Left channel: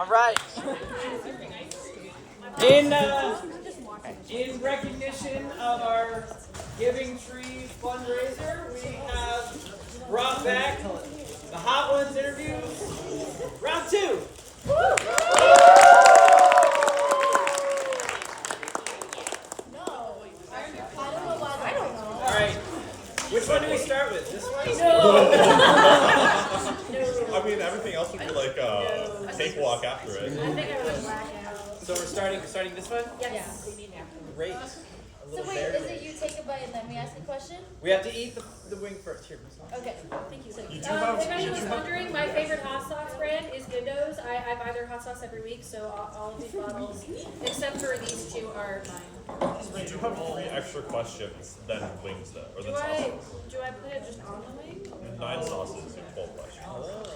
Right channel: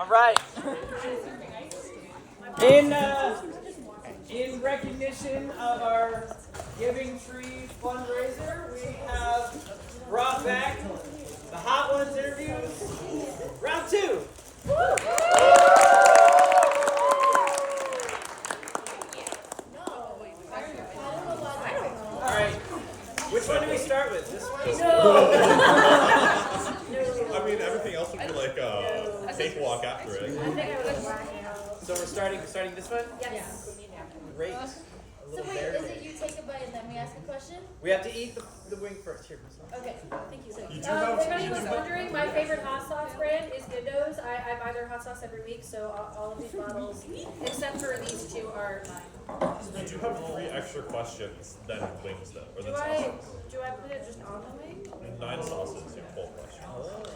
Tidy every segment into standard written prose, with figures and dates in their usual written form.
All right. In recognition of our Giving Tree fundraiser, we have brought back the Hot Ones interviews, round 2. All right. Which one do we start with? This one? No. I mean, everything else would be like a cakewalk after it. I think I would black out. So we're starting this one? Yes. Great. So wait, is it you take a bite and then we ask a question? We have to eat the wing first. Here, Miss Lawrence. Okay, thank you. If anyone was wondering, my favorite hot sauce brand is Gundo's. I buy their hot sauce every week, so all of these bottles, except for these 2, are mine. You do have 3 extra questions than wings, though, or than sauces. Do I put it just on the wing? 9 sauces, you have 12 questions.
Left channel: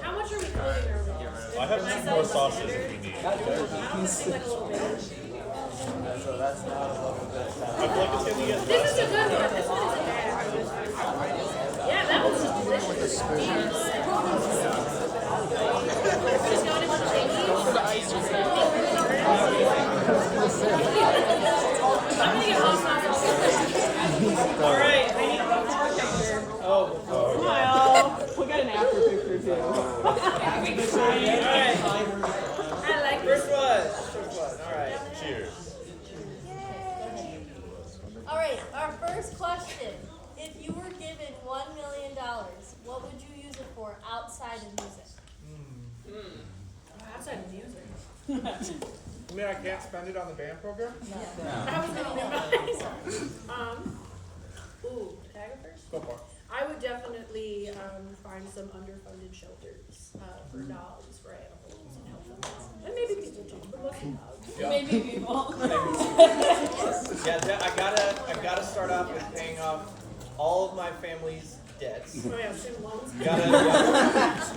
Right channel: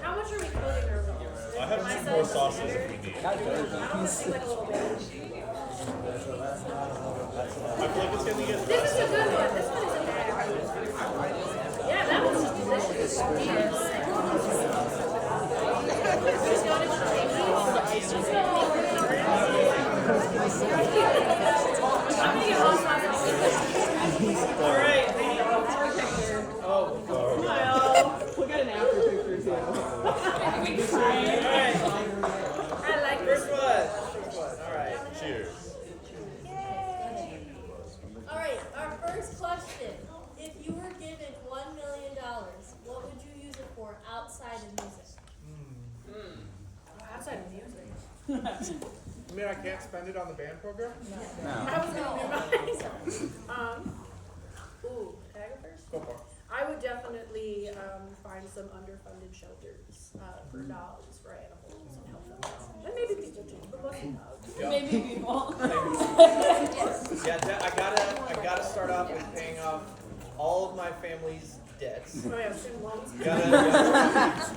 How much are we quoting our wings? I have Am 2 setting more the sauces standard? if we need. I don't want to seem like a little bitch. I feel like it's going to get This less. is a good one. This one isn't bad. Yeah, that one's just delicious. Do you want Are we just going in with the pinkies? I'm going to get hot sauce all over. All right. I need a before picture. Oh. Smile. We'll get an after picture too. All right. I like First one. All right. Cheers. All right, our first question. If you were given $1 million, what would you use it for outside of music? outside of music. You mean I can't spend it on the band program? I was going to ooh, can I go first? Go for it. I would definitely find some underfunded shelters for dogs, for animals, and help them out. And maybe people too, but mostly dogs. Yep. Maybe people. Yeah, I gotta start off with paying off all of my family's debts. Oh yeah, student loans.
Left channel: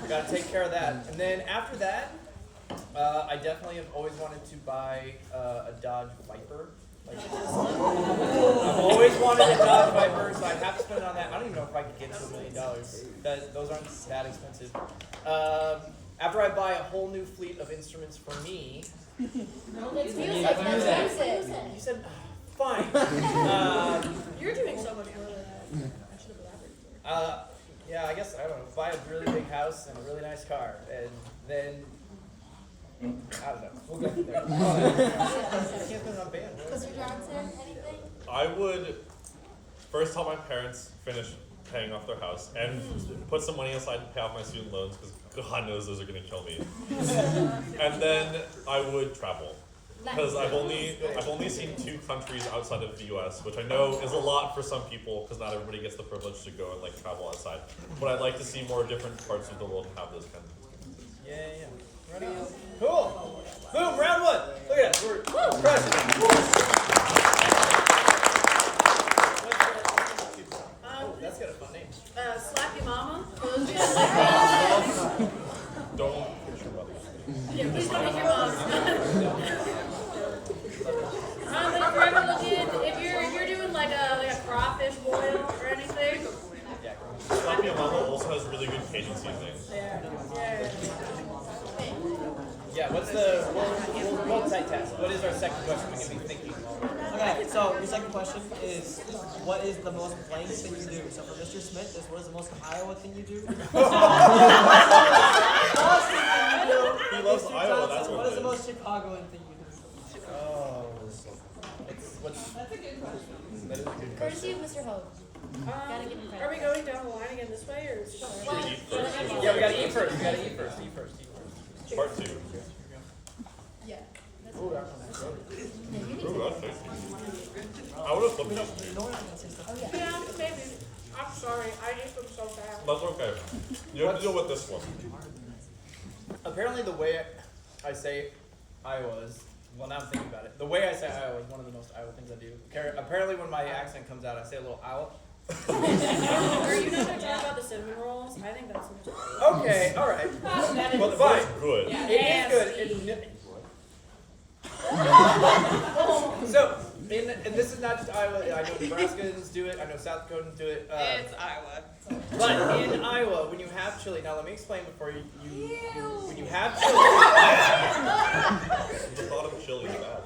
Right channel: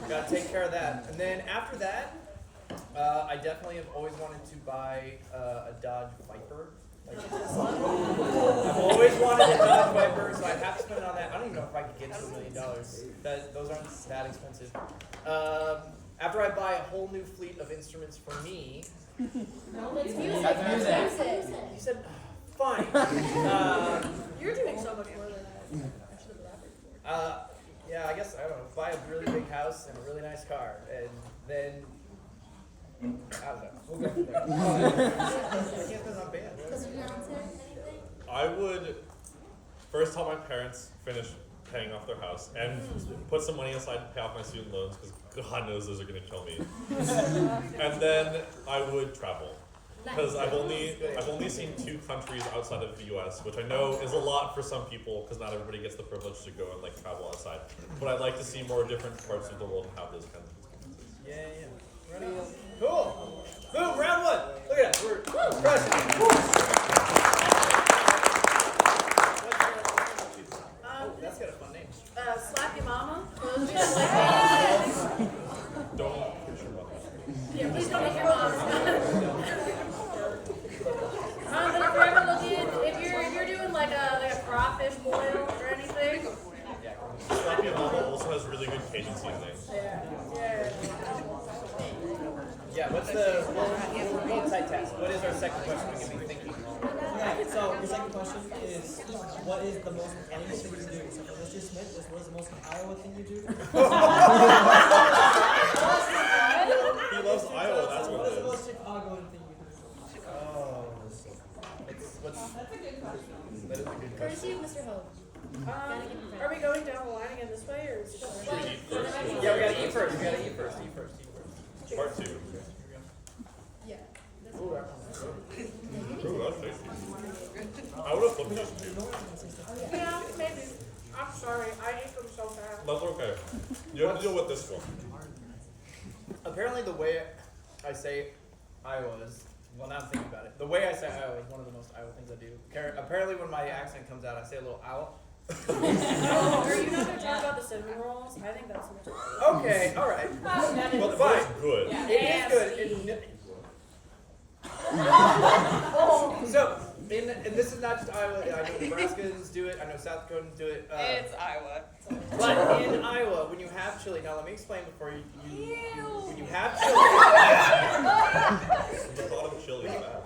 Gotta take care of that. And then after that, I definitely have always wanted to buy a Dodge Viper. Like, I've always wanted a Dodge Viper, so I'd have to spend it on that. I don't even know if I could get to $1 million. Those aren't that expensive. After I buy a whole new fleet of instruments for me. That's music. That's music. You said, fine. You're doing so much more than I should have elaborated. Yeah, I guess, I don't know, buy a really big house and a really nice car, and then, I don't know, we'll go from there. I can't spend it on band. Mr. Johnson, anything? I would first help my parents finish paying off their house and put some money aside to pay off my student loans because God knows those are going to kill me. And then I would travel because I've only seen 2 countries outside of the U.S., which I know is a lot for some people because not everybody gets the privilege to go and like travel outside. But I'd like to see more different parts of the world and have those kinds of experiences. Yeah. Right on. Cool. Boom, round 1. Look at that, we're crushing it. That's got a fun name. Slap Your Mama. For those of you that like bands. Don't hit your mother. Yeah, please don't hit your mom. But if you're ever looking, if you're doing like a crawfish boil or anything. Yeah. Sloppy Mama also has really good Cajun seasoning. Yeah. Yeah, what's the, we'll multitask. What is our second question? We can be thinking. Okay, so your second question is, what is the most blank thing you do? So for Mr. Smith, is what is the most Iowa thing you do? He loves Iowa, that's what what is it the is. most Chicagoan thing you do? Oh. That is a good question. Courtesy of Mr. Hogue. Are we going down the line again this way or? Should we eat first? Yeah, we gotta eat first. Eat first. Part 2. Yeah. Ooh, that one's good. Ooh, that's tasty. I would have flipped these two. Yeah, maybe. I'm sorry. I ate them so fast. That's okay. You have to deal with this one. Apparently the way I say Iowa is, well, now I'm thinking about it. The way I say Iowa is one of the most Iowa things I do. Apparently when my accent comes out, I say a little Iowa. Are you not going to talk about the cinnamon rolls? I think that's the most. Okay, all right. That is Well, fine. Good. It is good. So, and this is not just Iowa. I know Nebraskans do it. I know South Dakotans do it. It's Iowa. But in Iowa, when you have chili, now let me explain before when you have chili. The thought of chili is bad.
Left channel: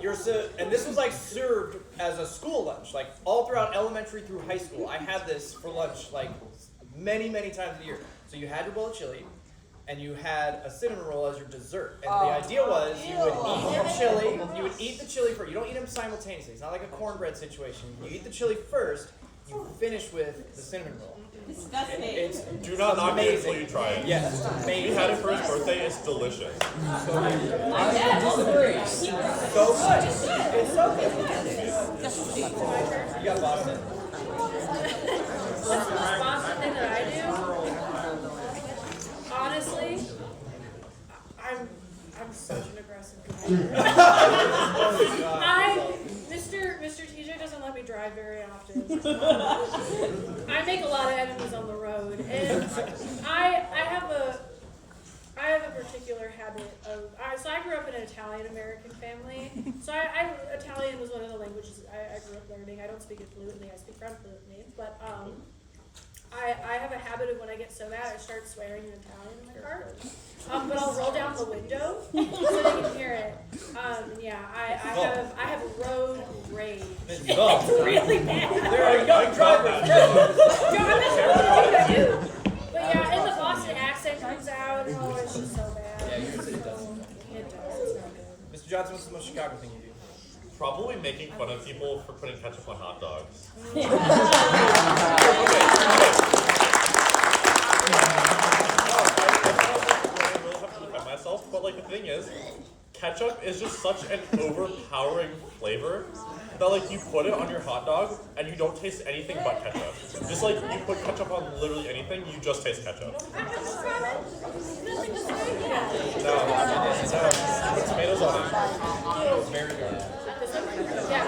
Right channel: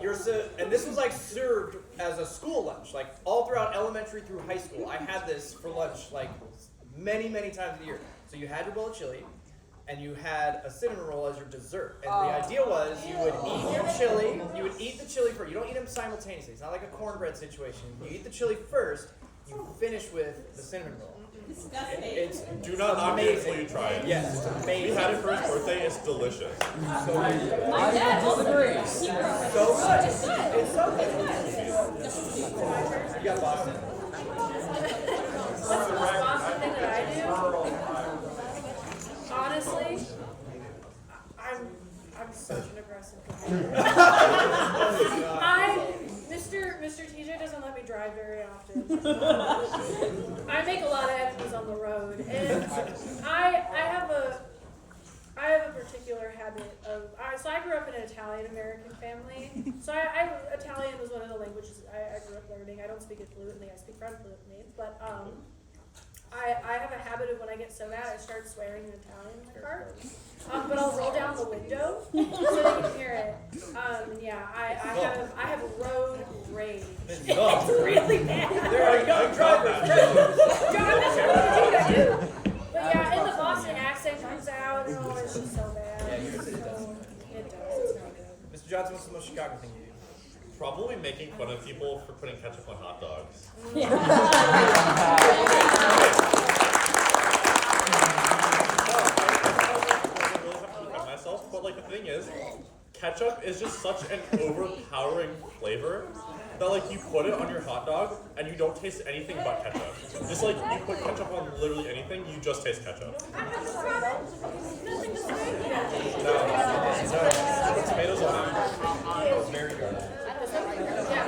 And this was like served as a school lunch, like all throughout elementary through high school. I had this for lunch like many, many times a year. So you had your bowl of chili, and you had a cinnamon roll as your dessert. And the idea was you would eat your chili. You would eat the chili first. You don't eat them simultaneously. It's not like a cornbread situation. You eat the chili first. You finish with the cinnamon roll. Disgusting. It's Do not knock it until you try it. yes, it's We amazing. had it for his birthday. It's delicious. So good. My dad was very So good. It's so good. My turn. You got Boston. What's the most Boston thing that I do? Honestly, I'm such an aggressive driver. Mr. TJ doesn't let me drive very often. I make a lot of enemies on the road, and I have a particular habit of. So I grew up in an Italian American family. So Italian was one of the languages I grew up learning. I don't speak it fluently. I speak French fluently, but I have a habit of when I get so mad, I start swearing in Italian in my car. But I'll roll down the window so they can hear it. And yeah, I have road rage. It's really bad. There are young drivers. Yeah, I'm not sure what I do. But yeah, and the Boston accent comes out, and oh, it's just so bad. Yeah, it does. It does. It's not good. Mr. Johnson, what's the most Chicago thing you do? Probably making fun of people for putting ketchup on hot dogs. Oh, I really have to defend myself, but like the thing is, ketchup is just such an overpowering flavor that like you put it on your hot dog and you don't taste anything but ketchup. Just like you put ketchup on literally anything, you just taste ketchup. Nothing to say. Yeah. No, put tomatoes on it. Very good. This one? Yeah.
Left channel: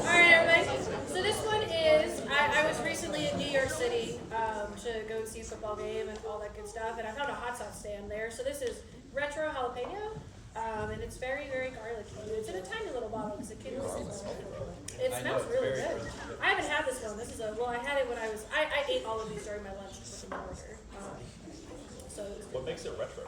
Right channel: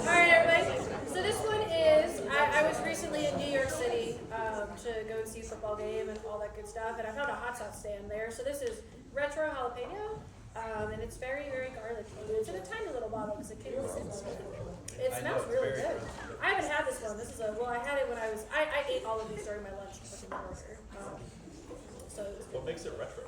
Alright, everybody. So this one is, I was recently in New York City to go and see a football game and all that good stuff, and I found a hot sauce stand there. So this is retro jalapeno, and it's very, very garlicky. It's in a tiny little bottle because a kid was in it. It I know, smells it's really very good. good. I haven't had this one. This is I had it when I ate all of these during my lunch to put them in order. So it was What makes it retro?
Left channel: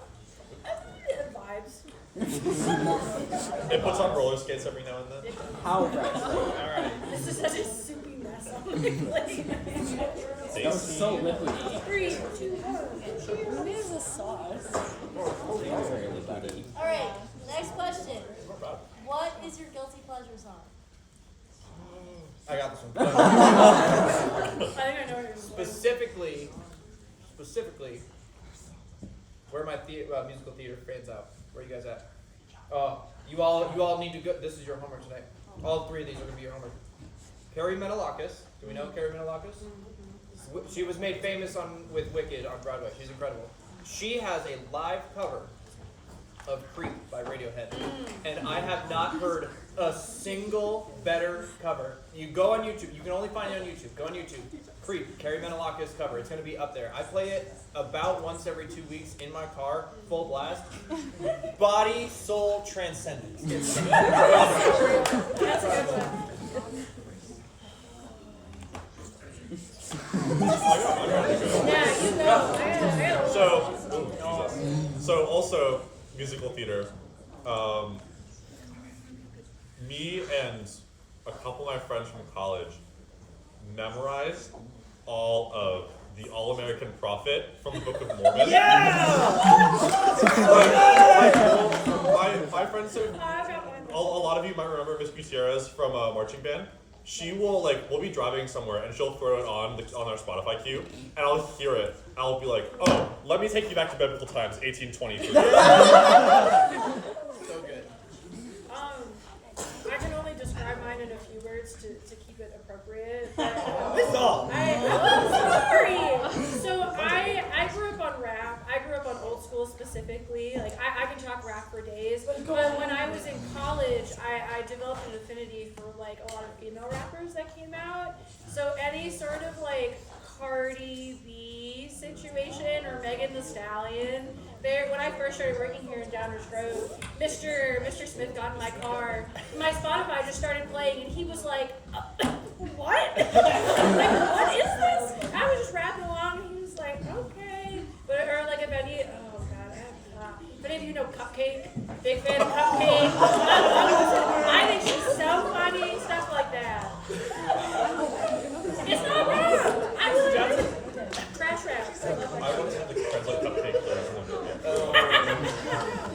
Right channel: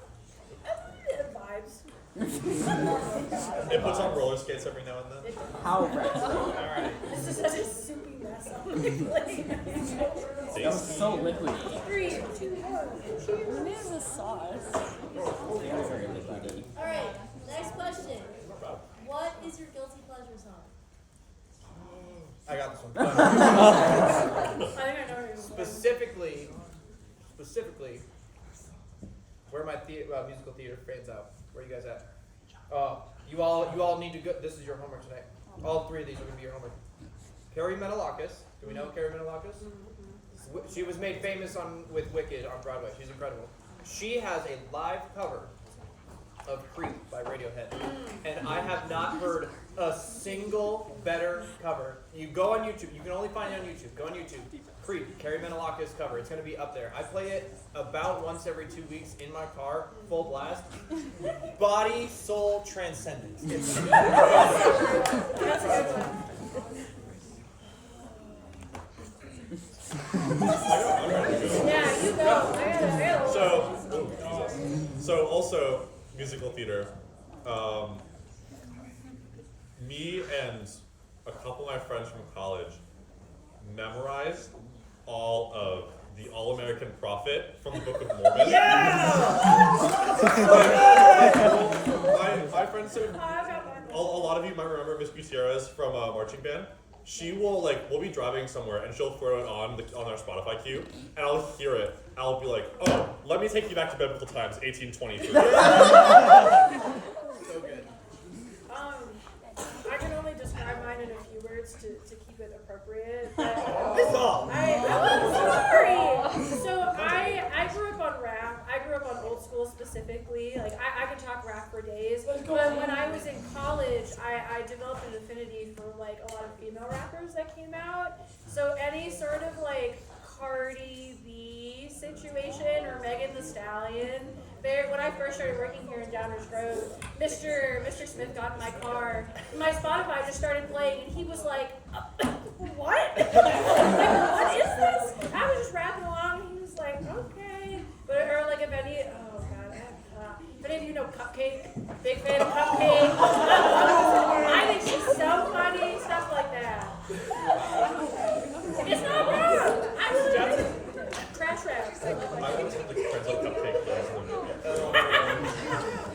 vibes. It puts on roller skates every now and then. It, How retro? All right. this is such a soupy mess on my plate. That was so liquidy. 3, 2, 1. Cheers. What is this sauce? Very liquidy. All right, next question. Not bad. What is your guilty pleasure song? I got this one. I think I know what you're Specifically, where are my musical theater fans out? Where are you guys at? You all need to go. This is your homework tonight. All three of these are going to be your homework. Carrie Menalakis. Do we know Carrie Menalakis? She was made famous with Wicked on Broadway. She's incredible. She has a live cover of Creep by Radiohead, and I have not heard a single better cover. You go on YouTube. You can only find it on YouTube. Go on YouTube. Creep, Carrie Menalakis cover. It's going to be up there. I play it about once every 2 weeks in my car, full blast. Body, soul, transcendence. It's That's a good one. I'm ready to go. Yeah, you go. I gotta So, so also musical theater. Me and a couple of my friends from college memorized all of the All-American Prophet from the Book of Mormon. My friends, I've got mine. a lot of you might remember Miss Gutierrez from marching band. She will we'll be driving somewhere and she'll throw it on our Spotify queue, and I'll hear it. I'll be like, oh, let me take you back to biblical times, 1823. so good. I can only describe mine in a few words to keep it appropriate. But, This is all. I'm sorry. So I grew up on rap. I grew up on old school specifically. Like I can talk rap for days. But when I was in college, I developed an affinity for like a lot of female rappers that came out. So any sort of like Cardi B situation or Megan Thee Stallion. When I first started working here in Downers Grove, Mr. Smith got in my car. My Spotify just started playing, and he was like, "What? Like, what is this?" I was just rapping along, and he was like, "Okay." But or like if any, oh god, if many of you know Cupcake? Big fan of Cupcake. I think she's so funny, stuff like that. It's not wrong. I really like it. Trash raps. I love I that. once had to translate cupcake lyrics and I'm joking.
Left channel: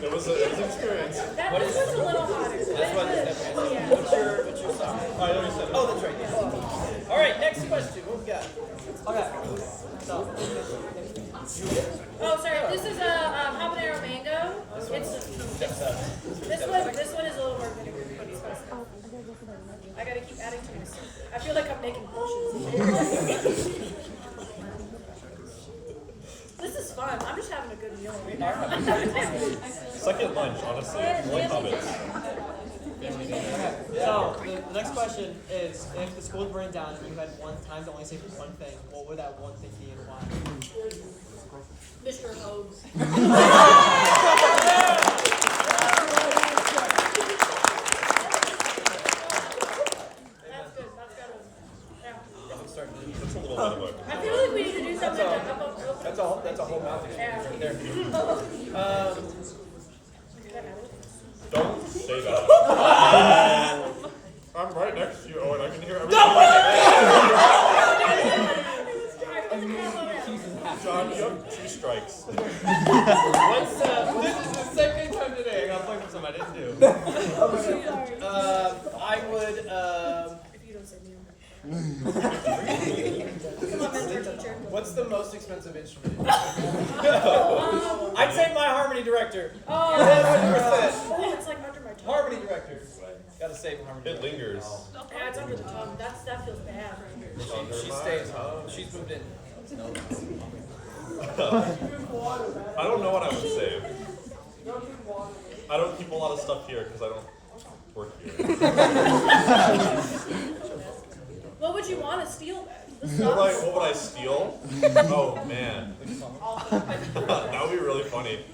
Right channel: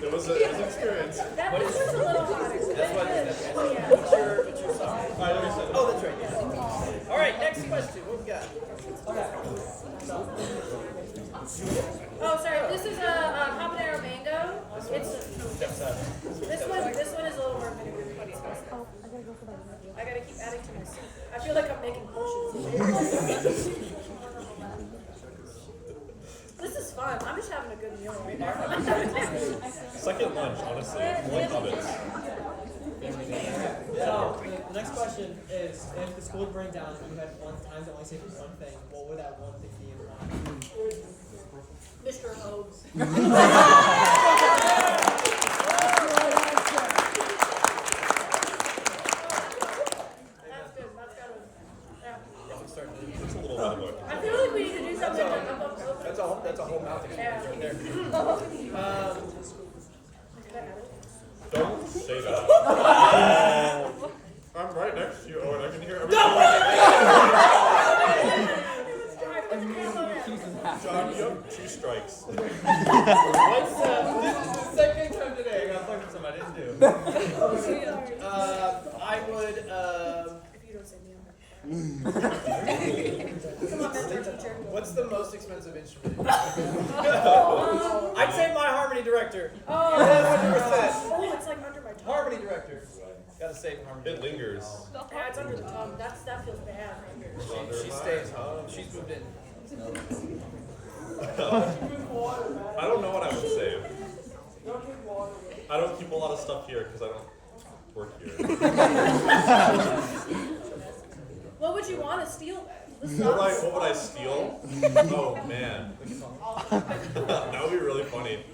It was an experience. That What this is- was a little hotter. That's what. Yeah. What's your song? I know you said it. Oh, that's right. Yeah. All right. Next question. What we got? Okay. So, Oh, sorry. This is a habanero mango. This one. It's Step 7. this one is a little more vinegary. It's supposed to. I gotta keep adding to my soup. I feel like I'm making potions. This is fun. I'm just having a good meal right now. Second lunch, honestly. Like hobbits. okay. So the next question is: if the school was burning down and you had one time to only say one thing, what would that one thing be and why? Mr. Hobbs. That's good. That's gotta. Yeah. We're starting to do. It's a little bit of a. I feel like we need to do something to up up. That's a whole mouth experience right there. Can I add it? Don't say that. I'm right next to you, Owen. I can hear everything. Alright, what's the combo now? John, you have 2 strikes. What's This is the second time today I got played with something I didn't do. Sorry. I would If you don't say me, I'm gonna cry. Come on, mentor teacher. what's the most expensive instrument? I'd say my harmony director. Oh, 100%. oh, it's like under my tongue. Harmony director. Gotta save harmony. It lingers. Yeah, it's under the tongue. That feels bad. She stays home. She's moved in. I don't know what I would say. I don't keep a lot of stuff here because I don't work here. What would you want to steal then? This What would I steal? Oh man, that would be really funny.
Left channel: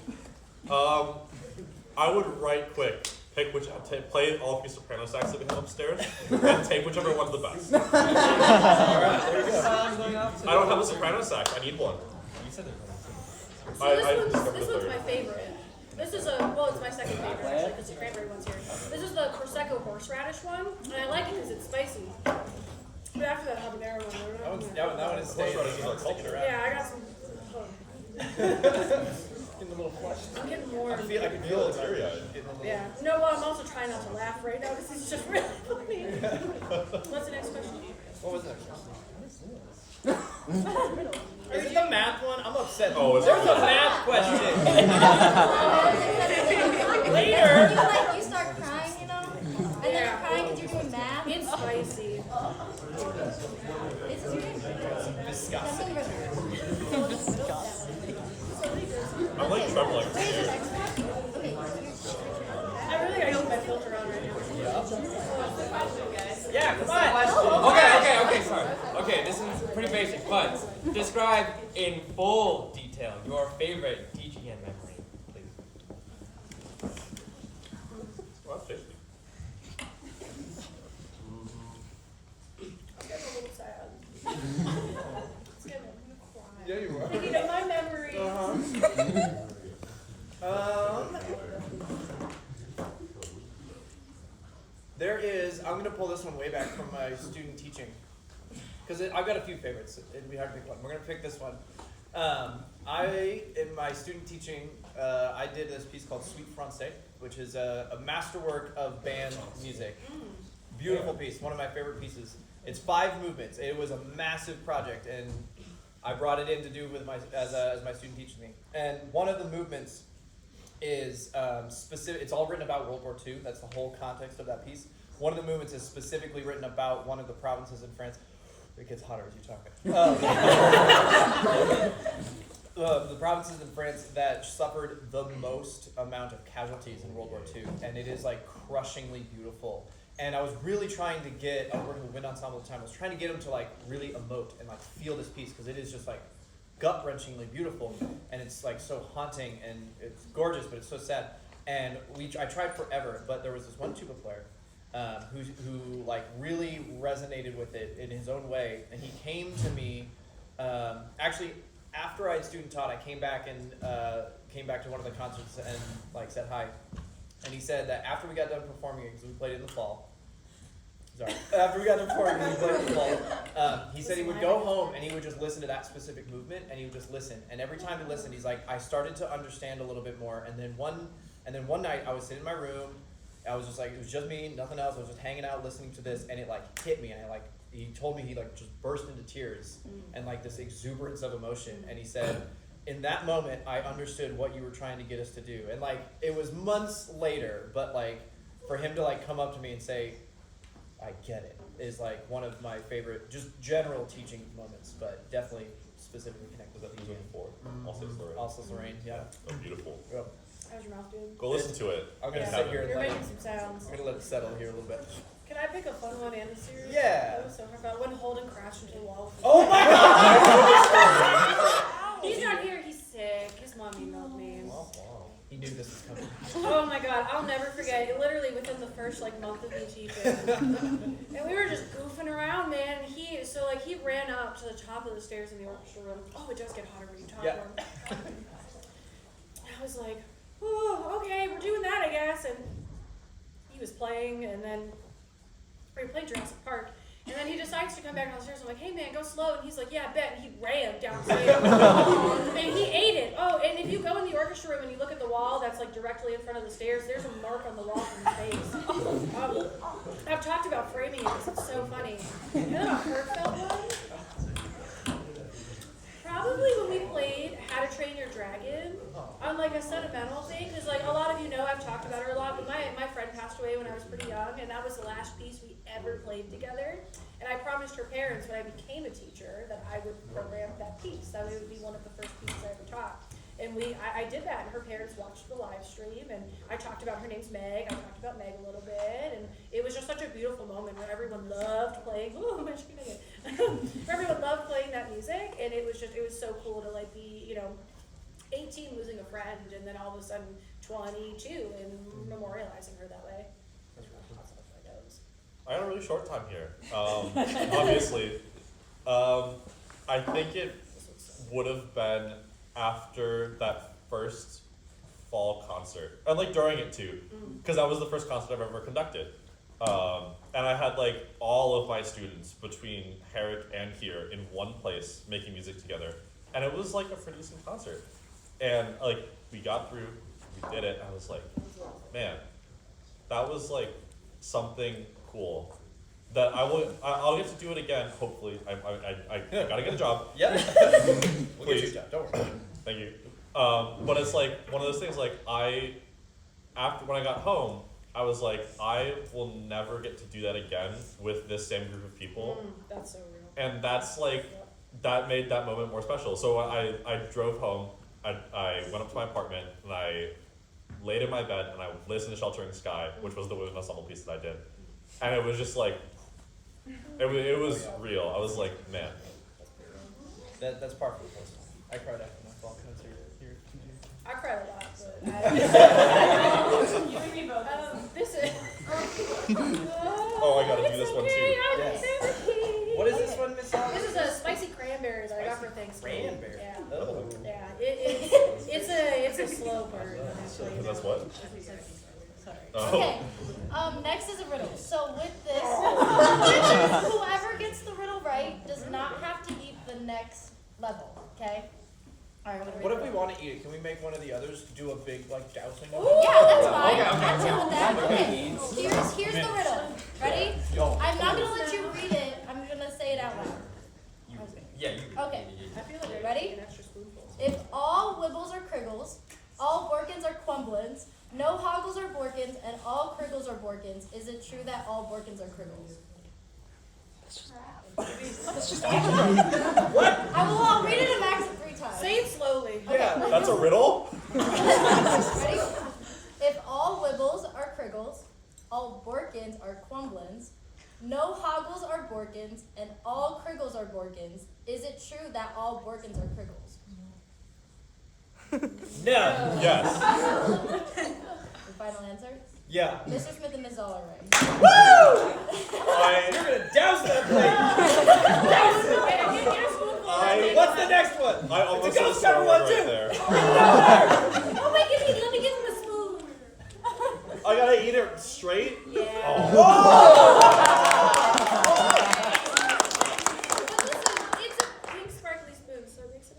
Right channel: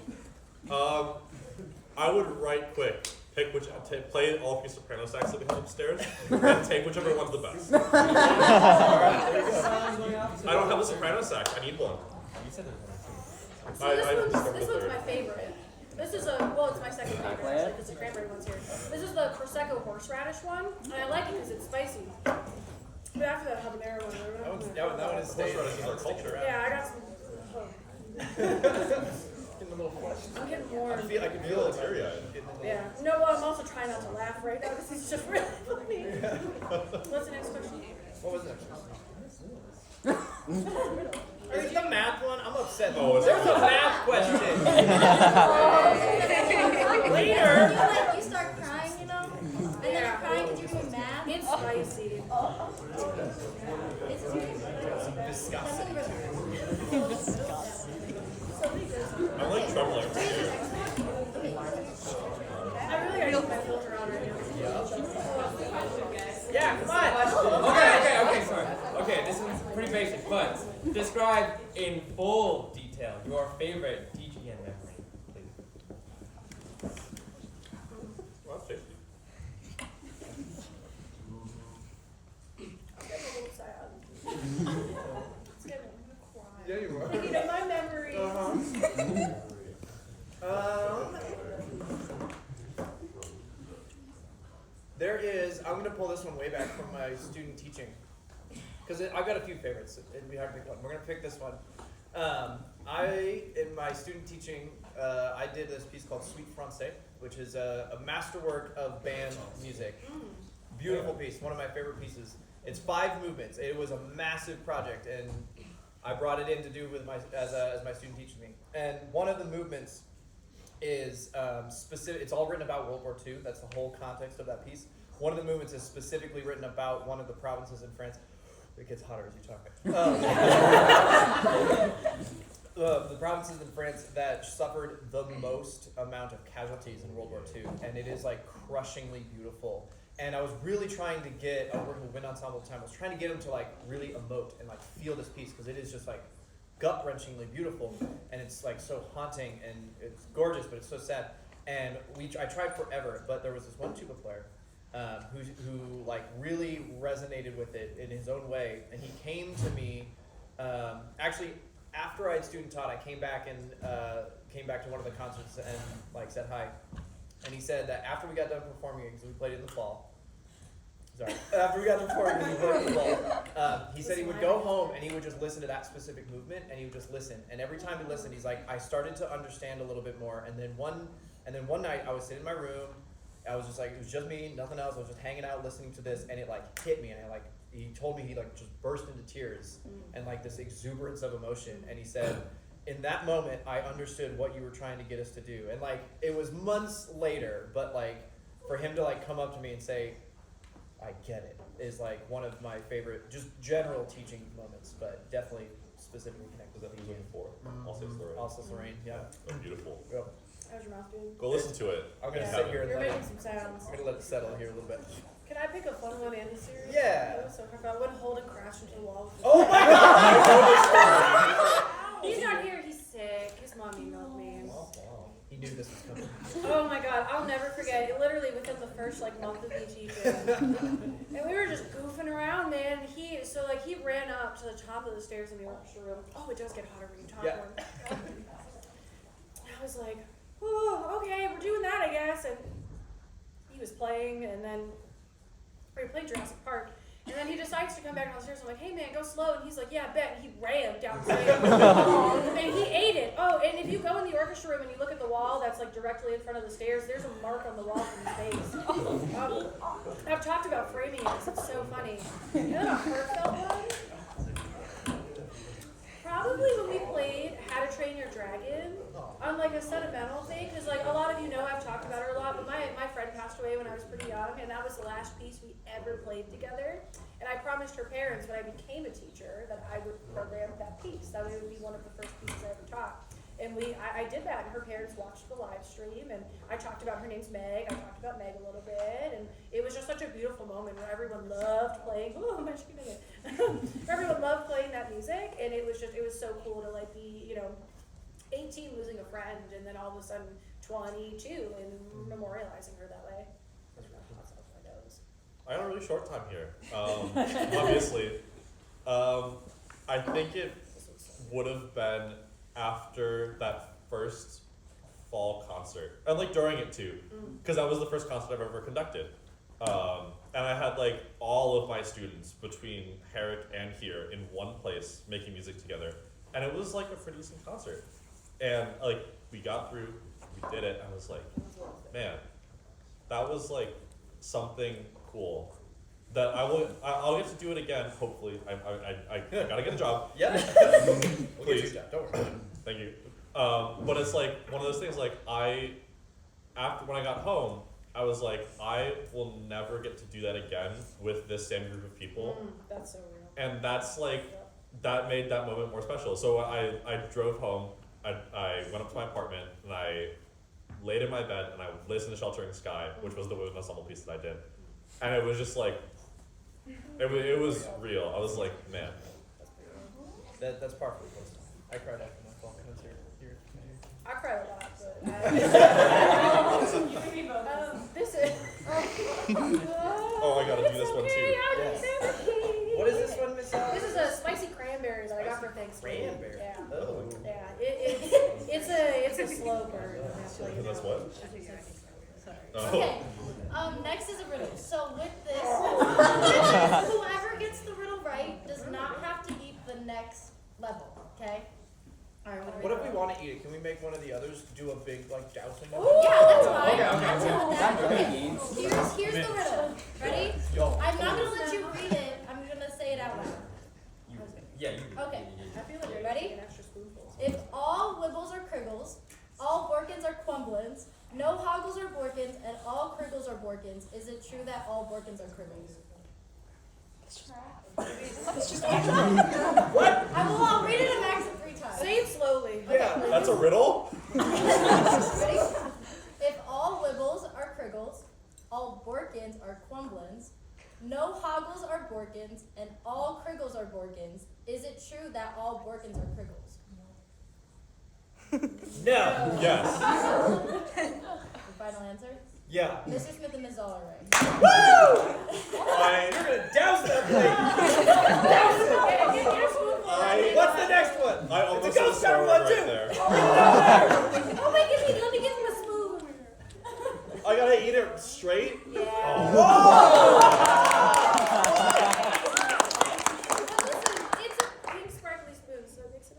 I would right quick pick play all of your soprano sax that we have upstairs, and take whichever one's the best. Alright, there you go. Time's going up. I don't have a soprano sax. I need one. You said there's one. So I this discovered one's the third. my favorite. This is it's my second favorite actually because the cranberry one's here. This is the Prosecco horseradish one, and I like it because it's spicy. But after that habanero one, That one is staying. Horseradish is our Sticking culture. around. yeah, I got some. Getting a little flushed. I'm getting more. I can feel it. Feel teary-eyed. Getting a little. Yeah. No, well, I'm also trying not to laugh right now because it's just really funny. What's the next question? What was the next question? Is it the math one? I'm upset. Oh, is it? There's a math question. Later. You like you start crying, you know, and then you're crying because you're doing math. It's spicy. It's serious. Some viscosity. I'm like trembling. Wait, is the next one? Okay. I really gotta keep my filter on right now. Yeah, come on. Okay, sorry. Okay, this is pretty basic, but describe in full detail your favorite DGN memory, please. Well, that's tasty. I'm getting a little sad. It's getting a cry. Yeah, you were. Thinking of my memories. There is. I'm gonna pull this one way back from my student teaching, because I've got a few favorites. It'd be hard to pick one. We're gonna pick this one. In my student teaching, I did this piece called Suite Francais, which is a masterwork of band music. Beautiful piece, one of my favorite pieces. It's 5 movements. It was a massive project, and I brought it in to do with as my student teaches me. And one of the movements is specific. It's all written about World War II. That's the whole context of that piece. One of the movements is specifically written about one of the provinces in France. It gets hotter as you talk. The provinces in France that suffered the most amount of casualties in World War II, and it is like crushingly beautiful. And I was really trying to I was working with wind ensemble at the time. I was trying to get them to like really emote and like feel this piece because it is just like gut-wrenchingly beautiful, and it's like so haunting, and it's gorgeous, but it's so sad. And I tried forever, but there was this one tuba player who like really resonated with it in his own way, and he came to me actually after I had student taught. I came back and came back to one of the concerts and like said hi. And he said that after we got done performing it, because we played it in the fall. Sorry. After we got done performing, because we played it in the fall. He said he would go home and he would just listen to that specific movement, and he would just listen. And every time he listened, he's like, I started to understand a little bit more. And then one night, I was sitting in my room. I was just like, it was just me, nothing else. I was just hanging out, listening to this, and it like hit me, and he told me he like just burst into tears and like this exuberance of emotion. And he said, in that moment, I understood what you were trying to get us to do. And like, it was months later, but like, for him to like come up to me and say, I get it, is like one of my favorite, just general teaching moments, but definitely specifically connected Was to that DGN. music before? Also Lorraine. Also Lorraine, yeah. Oh, beautiful. Yep. How's your mouth doing? Go listen to it. I'm gonna in sit heaven. here and You're let making some sounds. I'm gonna let it settle here a little bit. Can I pick a fun one and a serious? Yeah. That was so fun. When Holden crashed into the wall. With his Oh my god! I know this story. He's not here. He's sick. His mom emailed me. He knew this was coming. Oh my god, I'll never forget. It literally within the first like month of me teaching, and we were just goofing around, man. And he ran up to the top of the stairs in the orchestra room. Oh, it does get hotter when you talk Yeah. more. I was like, oh, okay, we're doing that, I guess. And he was playing, and then we were playing Jurassic Park. And then he decides to come back downstairs. I'm like, hey man, go slow. And he's like, yeah, I bet. And he ran downstairs. And he ate it. Oh, and if you go in the orchestra room and you look at the wall that's like directly in front of the stairs, there's a mark on the wall from his face. I've talked about framing it because it's so funny. You know a heartfelt one? Probably when we played How to Train Your Dragon on like a sentimental thing, because like a lot of you know I've talked about her a lot, but my friend passed away when I was pretty young, and that was the last piece we ever played together. And I promised her parents when I became a teacher that I would program that piece. That it would be one of the first pieces I ever taught. And I did that, and her parents watched the live stream, and I talked about her name's Meg. I talked about Meg a little bit, and it was just such a beautiful moment where everyone loved playing. Oh, I'm actually gonna get everyone loved playing that music, and it was so cool to like be, 18 losing a friend, and then all of a sudden 22 and memorializing her that way. That's really awesome. I had a really short time here. Obviously, I think it would have been after that first fall concert, and like during it too, because that was the first concert I've ever conducted. And I had like all of my students between Herrick and here in one place making music together, and it was like a pretty decent concert. And like we got through, we did it. I was like, man, that was like something cool that I'll get to do it again. Hopefully, I gotta get a job. Yep. We'll get you a Please. job, don't worry. Thank you. But it's like one of those things. Like after when I got home, I was like, I will never get to do that again with this same group of people. That's so real. And that's like that made that moment more special. So I drove home. I went up to my apartment and I laid in my bed and I listened to Sheltering Sky, which was the women's ensemble piece that I did. And it was just like, it was real. I was like, man. That's par for the course. I cried after my fall concert here. I cried a lot, but this is. Oh, I gotta do this one too. Yes. What is this one, Miss Oliver? This is a spicy cranberry that I got for Thanksgiving. Cranberry. Yeah. Oh. Yeah. It's a slow burn. Actually. That's what? Sorry. Oh. Okay. Next is a riddle. So with this, whoever gets the riddle right does not have to eat the next level. Okay. All right. What if we want to eat it? Can we make one of the others do a big like dousing of Ooh. it? Yeah, that's fine. Okay, I'm chill with that. okay. Okay. Here's the riddle. Ready? Yo. I'm not gonna let you read it. I'm gonna say it out loud. Yeah, you. Okay. I feel like I Ready? need an extra spoonful. If all Wibbles are Kriggles, all Borkins are Quumblins, no Hoggles are Borkins, and all Kriggles are Borkins, is it true that all Borkins are Kriggles? What? I'll read it a max of 3 times. Say it slowly. Yeah. That's a riddle? Ready? If all Wibbles are Kriggles, all Borkins are Quumblins, no Hoggles are Borkins, and all Kriggles are Borkins, is it true that all Borkins are Kriggles? No. Yes. Your final answer? Yeah. Mr. Smith and Ms. Zoll are right. Woo! You're gonna douse that plate. Douse it. Get a spoonful. What's the next one? I almost It's a said a ghost swear pepper word one, right too. there. Oh my goodness, let me give him a spoon. I gotta eat it straight? Yeah. Oh. But listen, it's a pink sparkly spoon, so it makes it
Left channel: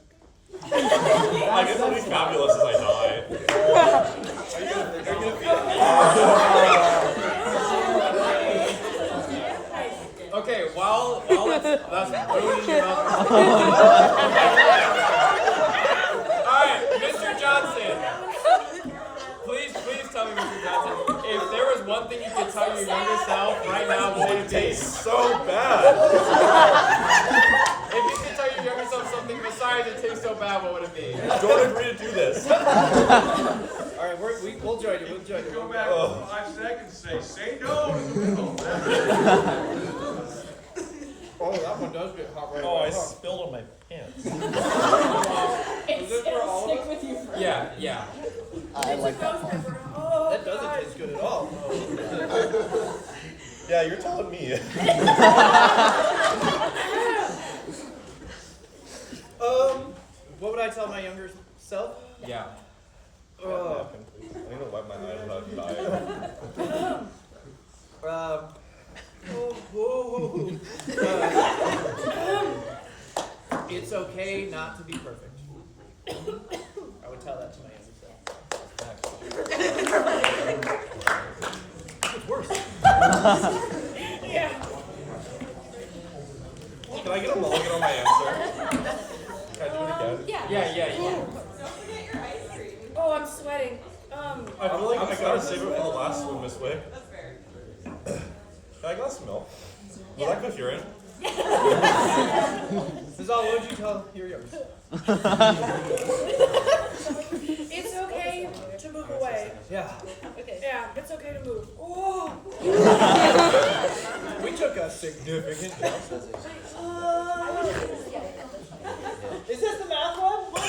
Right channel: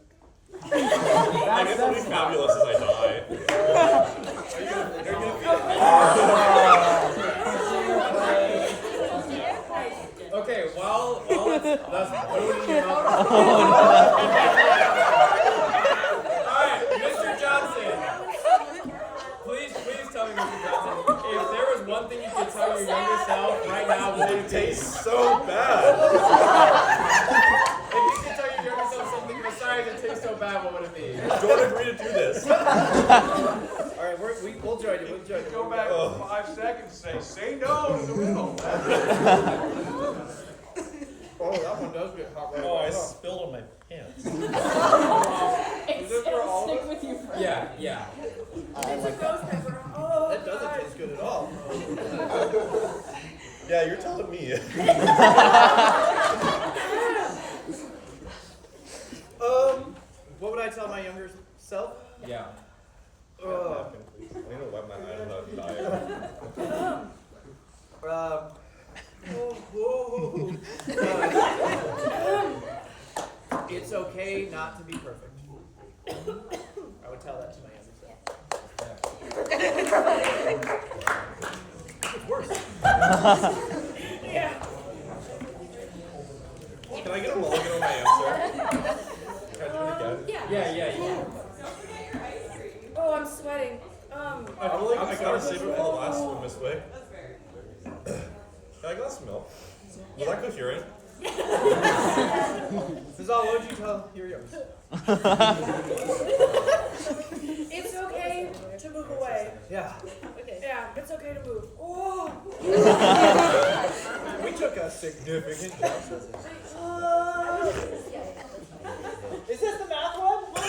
okay. I guess it'll be fabulous as I die. Okay, while that's ruining your mouth. Alright, Mr. Johnson. Please tell me, Mr. Johnson, if there was one thing you could tell your younger self right now, what would it It be? tastes so bad. If you could tell your younger self something besides it tastes so bad, what would it be? Don't agree to do this. All right, we'll join you. We'll join you. Go back Oh. 5 seconds. Say no. Oh, that one does get hot right Oh, away. I spilled on my pants. Is this for all of us? with you forever. Yeah. It's a ghost pepper. Oh, That doesn't God. taste good at all. Yeah, you're telling me. What would I tell my younger self? Yeah. Napkin, please. I need to wipe my eyes without dying. It's okay not to be perfect. I would tell that to my younger self. It's worse. Yeah. Can I get a mulligan on my answer? Can I do it again? Yeah. Oh, I'm sweating. I feel like I gotta save it for the last one, Miss Wick. Can I get some milk? Was that coherent? Zazal, what would you tell your younger self? It's okay to move away. Yeah. Yeah, it's okay to move. Oh. We took a significant jump. Is this the math one? Whoa!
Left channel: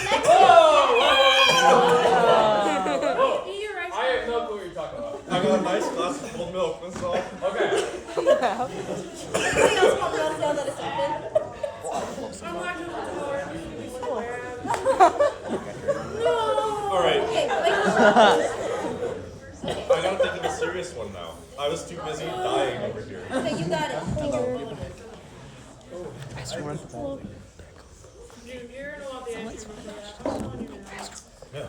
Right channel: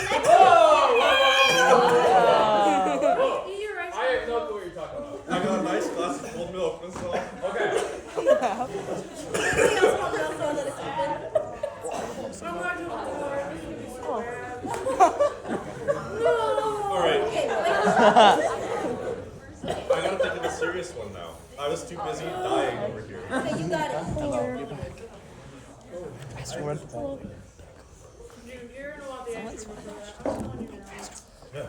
Eat your rice. I have no clue what you're talking about. I got a nice glass of cold milk, that's all. Okay. Anybody else want to know that it's open? I'm not just tired. This is gonna be so bad. No. Alright. Okay, wait. I gotta think of a serious one now. I was too busy dying over here. Okay, you got it. Take your mulligan. Dude, you're gonna want the ice cream for that. I'm telling you now. Yeah.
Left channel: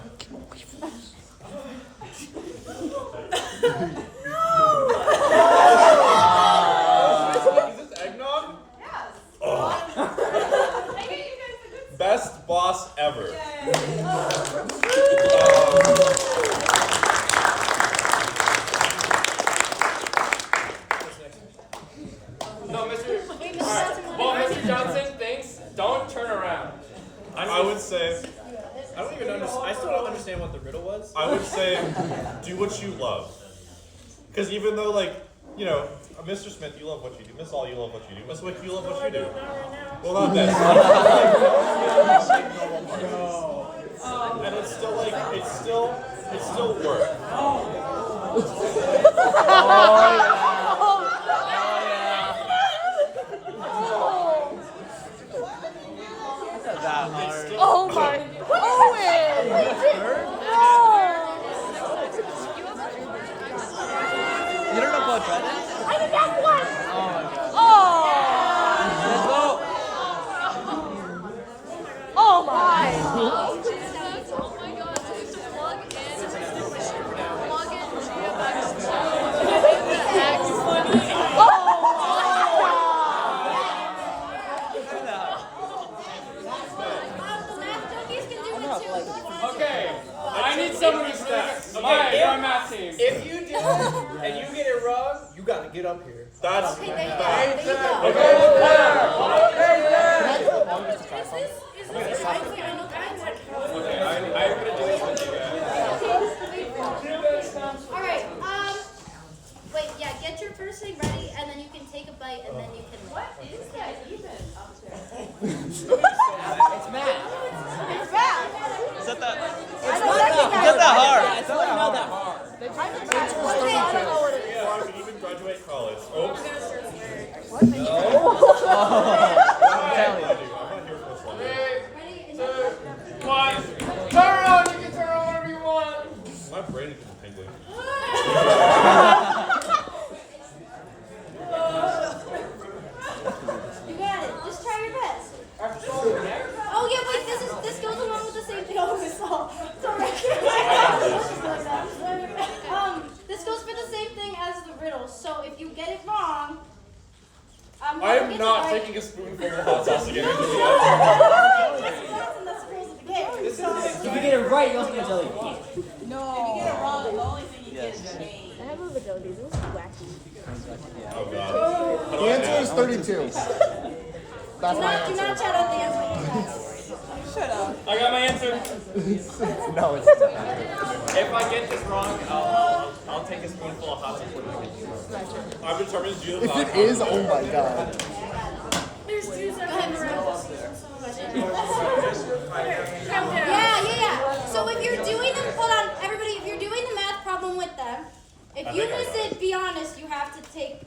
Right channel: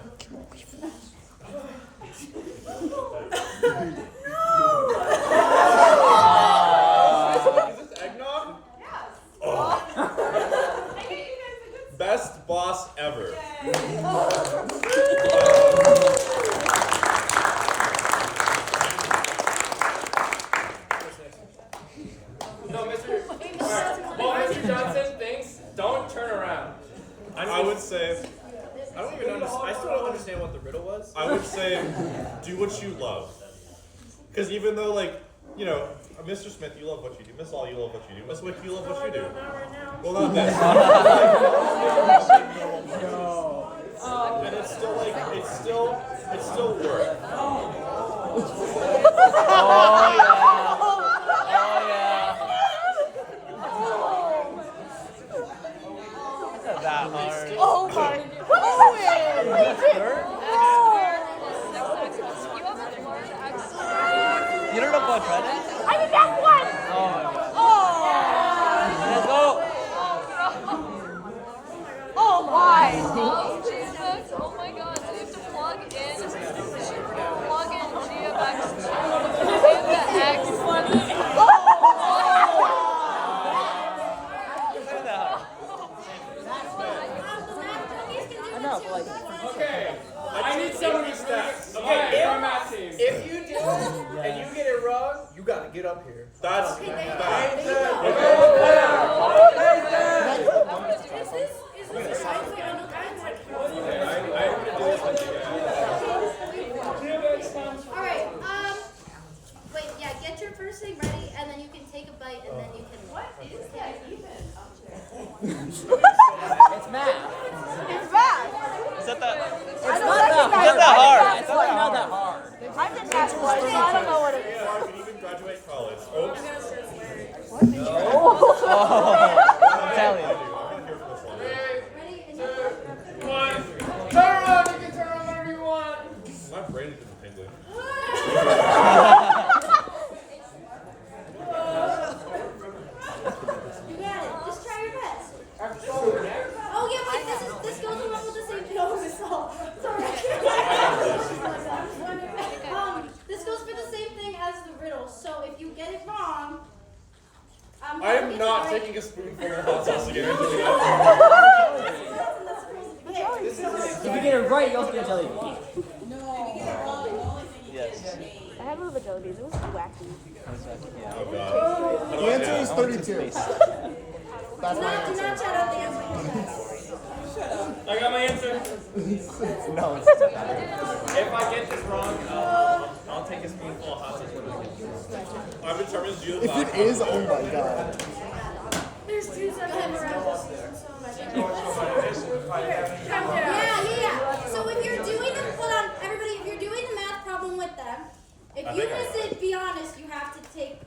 Is this eggnog? Oh. Best boss ever. No, Mr. Alright. Well, Mr. Johnson thinks don't turn around. I would say, I don't even understand. I still don't understand what the riddle was. I would say, do what you love. Because even though, like, you know, Mr. Smith, you love what you do. Miss All, you love what you do. Miss Wick, you love what you do. Not right now. Well, not this. Like, normal parts. And it's still like, it's still work. It's still. The math junkies can do it too. Okay. I need someone who's really good. Okay, Alright, if- our math team. If you do it and you get it wrong, you gotta get up here. That's Okay, there you go. bad. There you go. Is this a ice cream? I haven't had cows. Okay, I'm gonna do this with you guys. All right. Wait. Yeah. Get your first thing ready, and then you can take a bite, and then you can. It's Matt. It's bad. I don't recognize that. It's really not that hard. I did not. I don't know what it is. Yeah, I could even graduate college. Oh, I'm gonna start swearing. No. anything tingling. You got it. Just try your best. After shoulder, neck. Oh yeah, wait. This goes along with the same thing. Oh, this all. Sorry. This goes for the same thing as the riddle. So if you get it wrong, I am not taking a spoonful of hot sauce to get into the oven. That's the rules of the game. If you get it right, you also get a jelly bean. No. If you get it wrong, the only thing you get is change. I have a little jelly beans. It was wacky. Oh god. How do The I answer add? is 32. Do not shout out the answer. Shut up. I got my answer. No, it's If I get this wrong, I'll take a spoonful of hot sauce when I get this. I'm determined to do the if it is, oh my god. There's two seconds around this season, so much. Calm down. Yeah. So if you're doing them, hold on, everybody. If you're doing the math problem with them, if you miss it, be honest. You have to take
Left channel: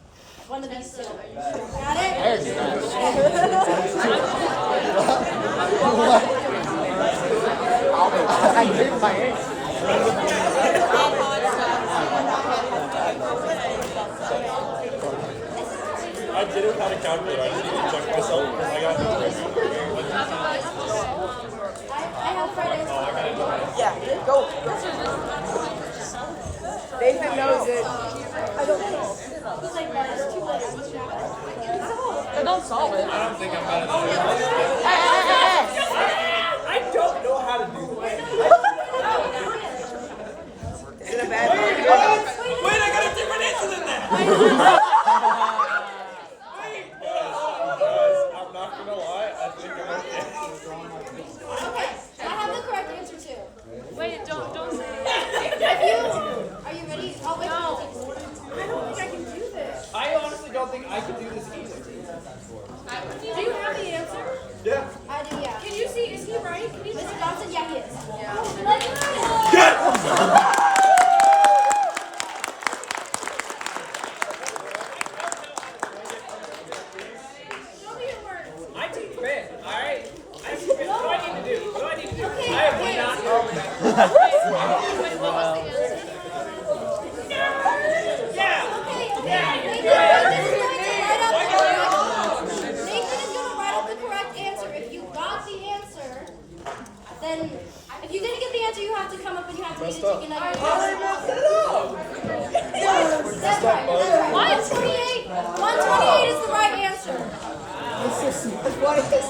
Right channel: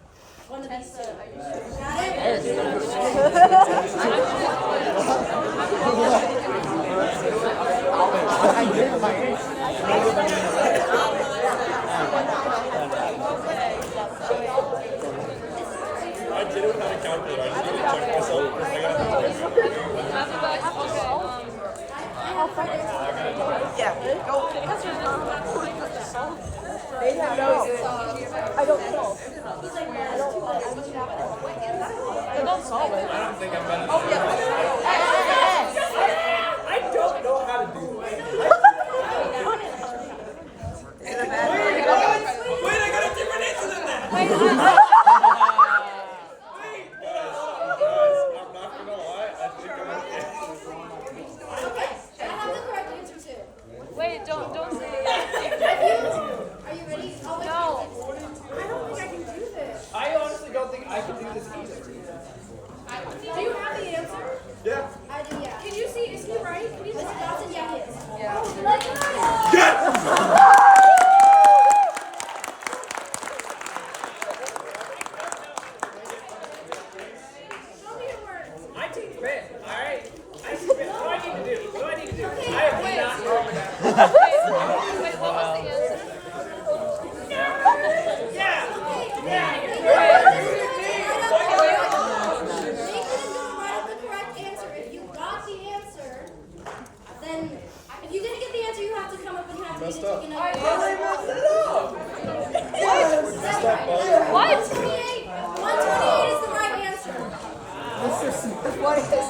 one of these two. Got it? I gave my answer. I did it without a calculator. I just need to check myself because I got the I have right answer. Yeah, go. They have no. I don't know. He's like, there's two ways. I don't think I'm better than you. I don't know how to do this. Wait, what? Wait, I got a different answer than that. Guys, I'm not gonna lie. I think I'm okay. Okay, I have the correct answer too. Wait, don't say Are you ready? Oh wait, I don't think I can do this. I honestly don't think I can do this either. Do you have the answer? Yeah. I do, yeah. Can you see? Is he right? Can you see? Mr. Johnson, yeah, he is. Oh, then I got it. Yes! Show me your words. I teach band, alright? I teach band. What do I need to do? What do I need to do? I am not doing that. Yeah! Nathan is gonna write up the correct answer. If you got the answer, then if you didn't get the answer, you have to come up and you have to Messed read up. it. How did I mess it up? That's right. 128. 128 is the right answer. Mr. Smith, what is this?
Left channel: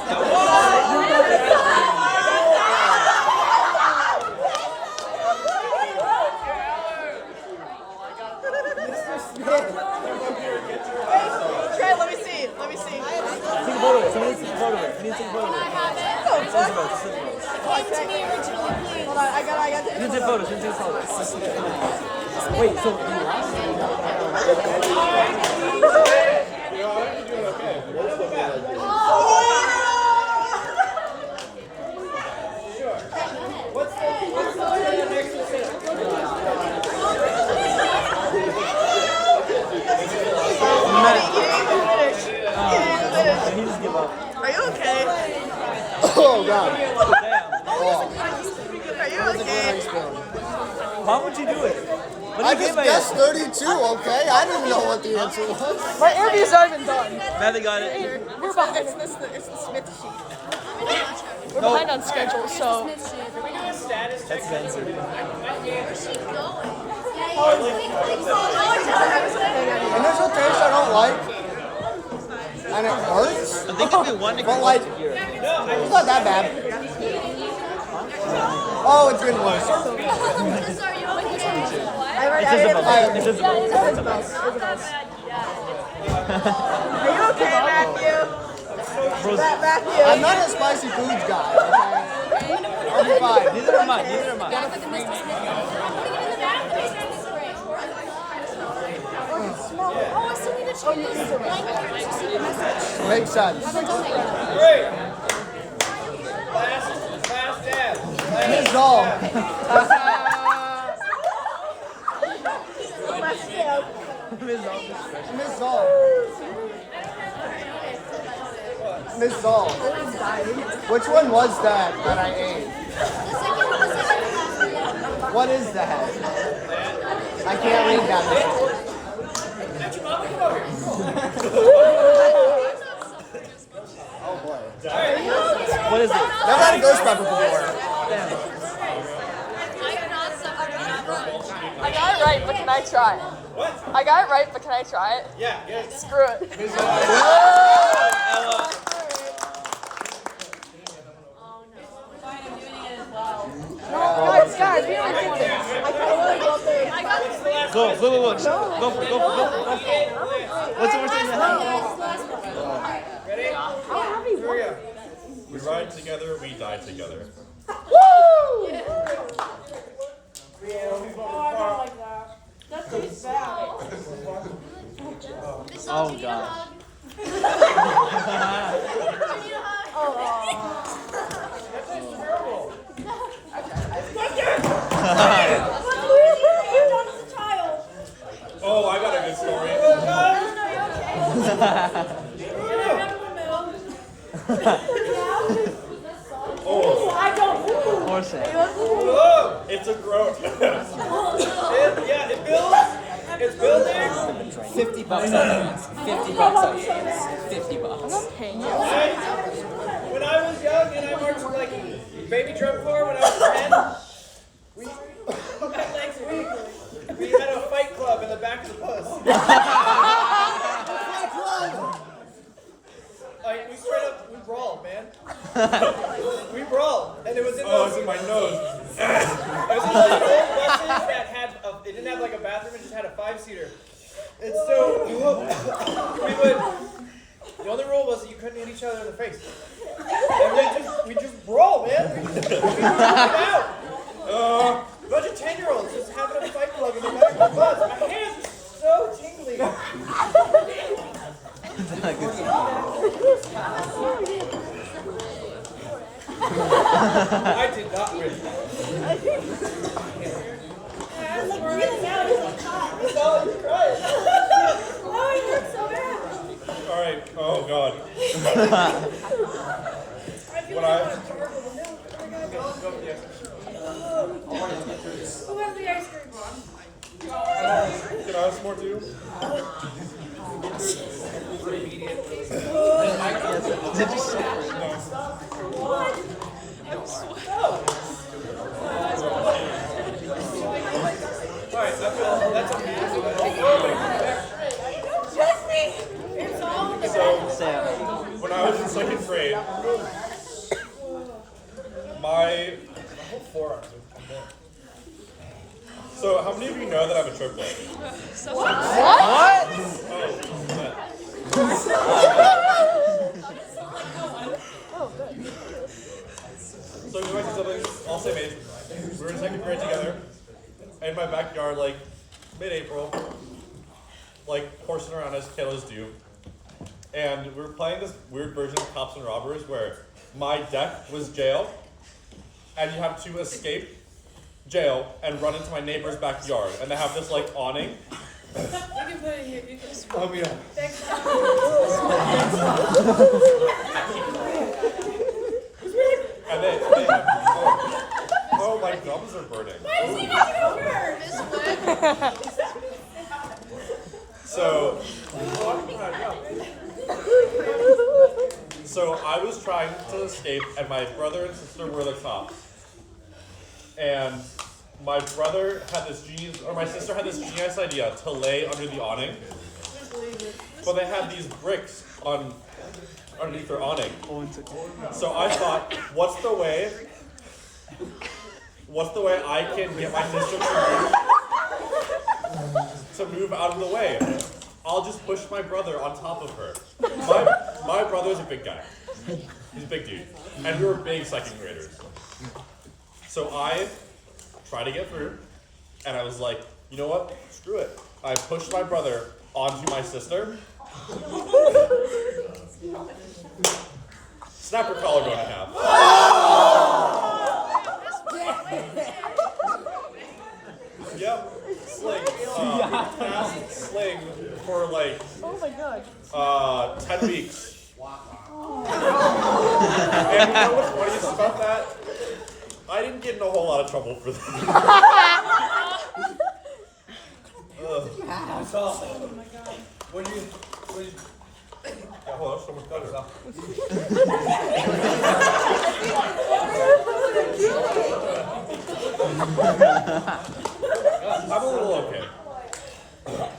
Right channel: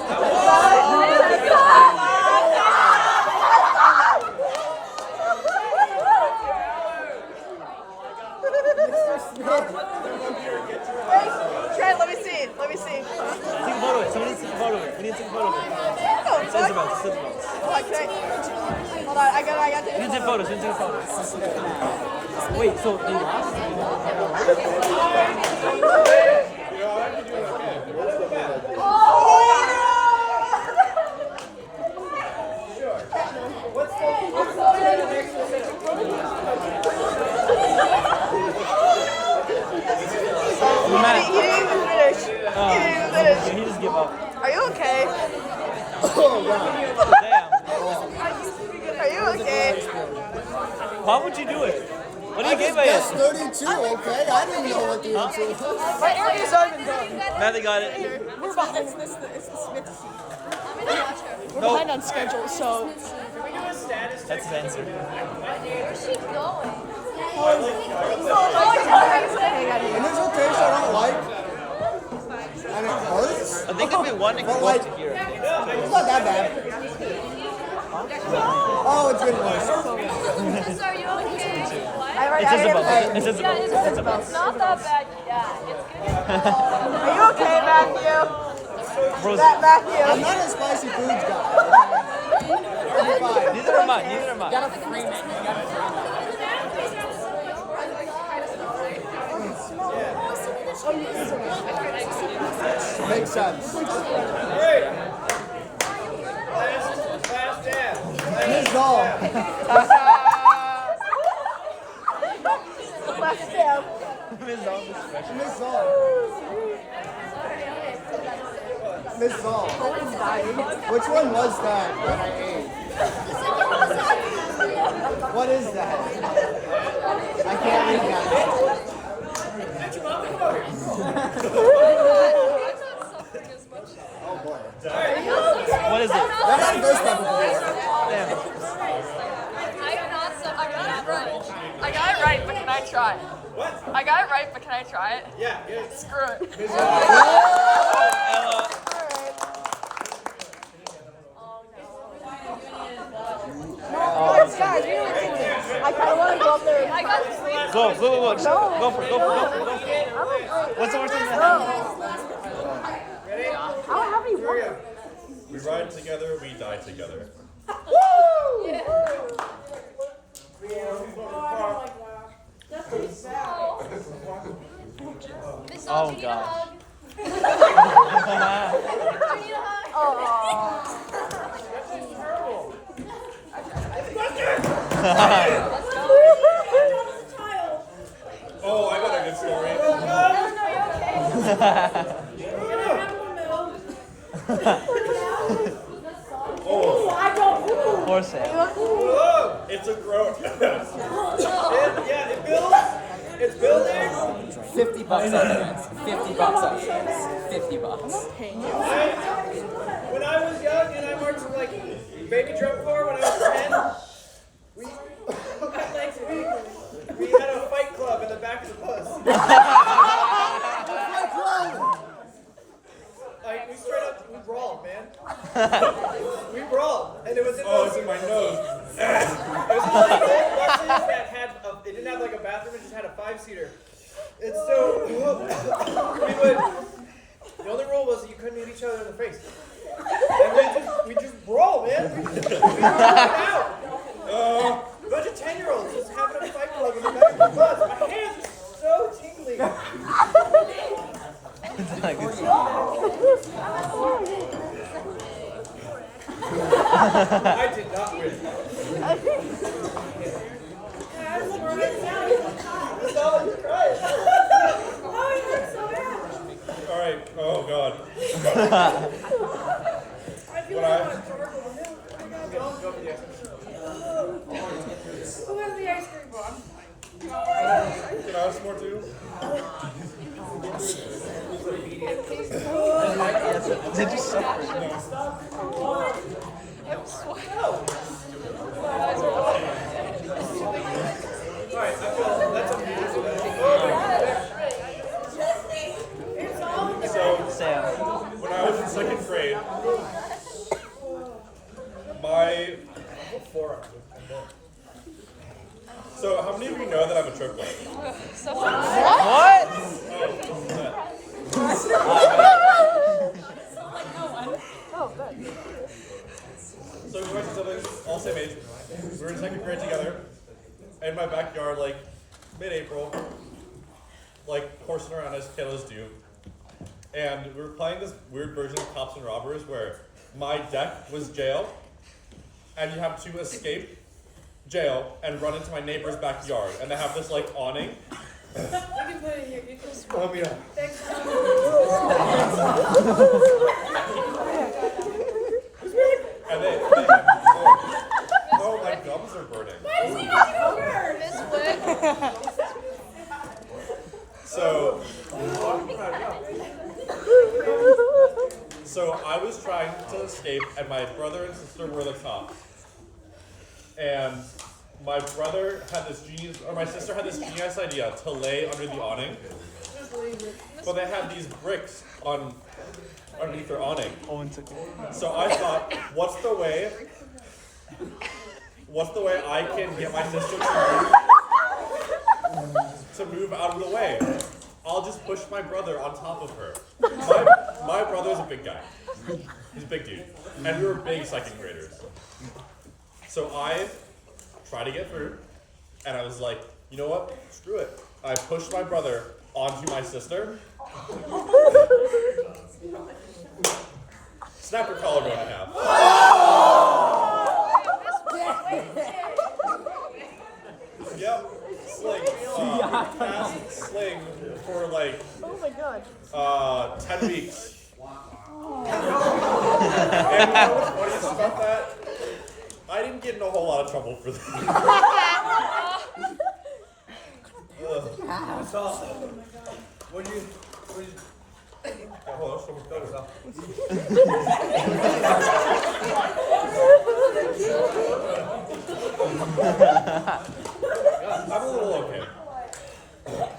Mr. Smith. Okay, let me see. Let me see. Can I have it? It came to me originally blue. What? I got the Wait, so you lost? You know, I'm actually doing okay. Sure. What's the next incentive? Are you okay? Oh god. Are you okay? I just guessed 32, okay? I didn't know what the answer was. My interview's not even done. Finally got it. It's the Smith sheet. We're behind on schedule, so. Can we do a status check? I think we're doing that. And there's a taste I don't like. And it hurts. I think if we won, it But could like, No, I it's not that bad. Oh, it's getting worse. It's just a It's not that bad yet. Are you okay, Matthew? Matthew? I'm not a spicy foods guy. Okay? I'll be fine. Neither am I. Neither am I. Oh, I still need to check this blanket. Makes sense. Great. Last dance. Miss Hall. Miss Hall. Miss Hall. Which one was that I ate? The second to last one. What is that? 12 should be I got it right, but can I try? What? I got it right, but can I try it? Yeah, yeah. Screw it. I kind of want to go up there and try. What's the last Go, one? Lulu, look. Ready? How heavy Here we was go. We ride together, we die together. That tastes bad. Miss All, Oh, you need a God. hug? Oh. That tastes terrible. Oh, I got a good story. Oh, I don't. Whoa! it's a groat. Yeah, it builds. It's building. 50 bucks on hands. 50 bucks on hands. 50 bucks. When I was young and I marched like baby drum corps when I was 10, we had a fight club in the back of the bus. Like we straight up, we brawled, man. We brawled, and it was in Oh, those. it's in my nose. It was in those old buses that had, it didn't have like a bathroom, it just had a 5-seater. And so, the only rule was that you couldn't hit each other in the face. And we just brawl, man. We just it out. A bunch of 10-year-olds just having a fight club in the back of the bus. My hands are so tingly. I did not win. That's all you crying. Oh, it hurts so bad. All right. Oh God. I feel When like I I- want to gargle the milk. Oh my God. Go for the ice cream. Who has the ice cream? Can I have some more too? Did you see? No. Alright, I feel that's amazing. It's all in the So back. when I was in second grade, my whole forearms are done. so how many of you know that I'm a triplet? What? Oh, that. Oh, good. So we went to siblings, all same age. We were in second grade together, in my backyard, like mid-April, like horsing around as kiddos do. And we were playing this weird version of Cops and Robbers where my deck was jail, and you have to escape jail and run into my neighbor's backyard. And they have this like awning. You can put it here. You can. Oh, yeah. Thanks. And they have, oh, my gums are burning. Why does he make it over? So I was trying to escape, and my brother and sister were the cops. And my brother had this genius, or my sister had this genius idea to lay under the awning. But they had these bricks underneath their awning. So I thought, what's the way I can get my sister to move out of the way? I'll just push my brother on top of her. My brother's a big guy. He's a big dude. And we were big second graders. So I tried to get through, and I was like, you know what? Screw it. I pushed my brother onto my sister. Snap her collarbone in half. Yep. Sling. Cast sling for like Oh my God. 10 weeks. And you know what's funniest about that? I didn't get in a whole lot of trouble for that. That's all. What do you Yeah, hold on, so much better. I'm a little okay.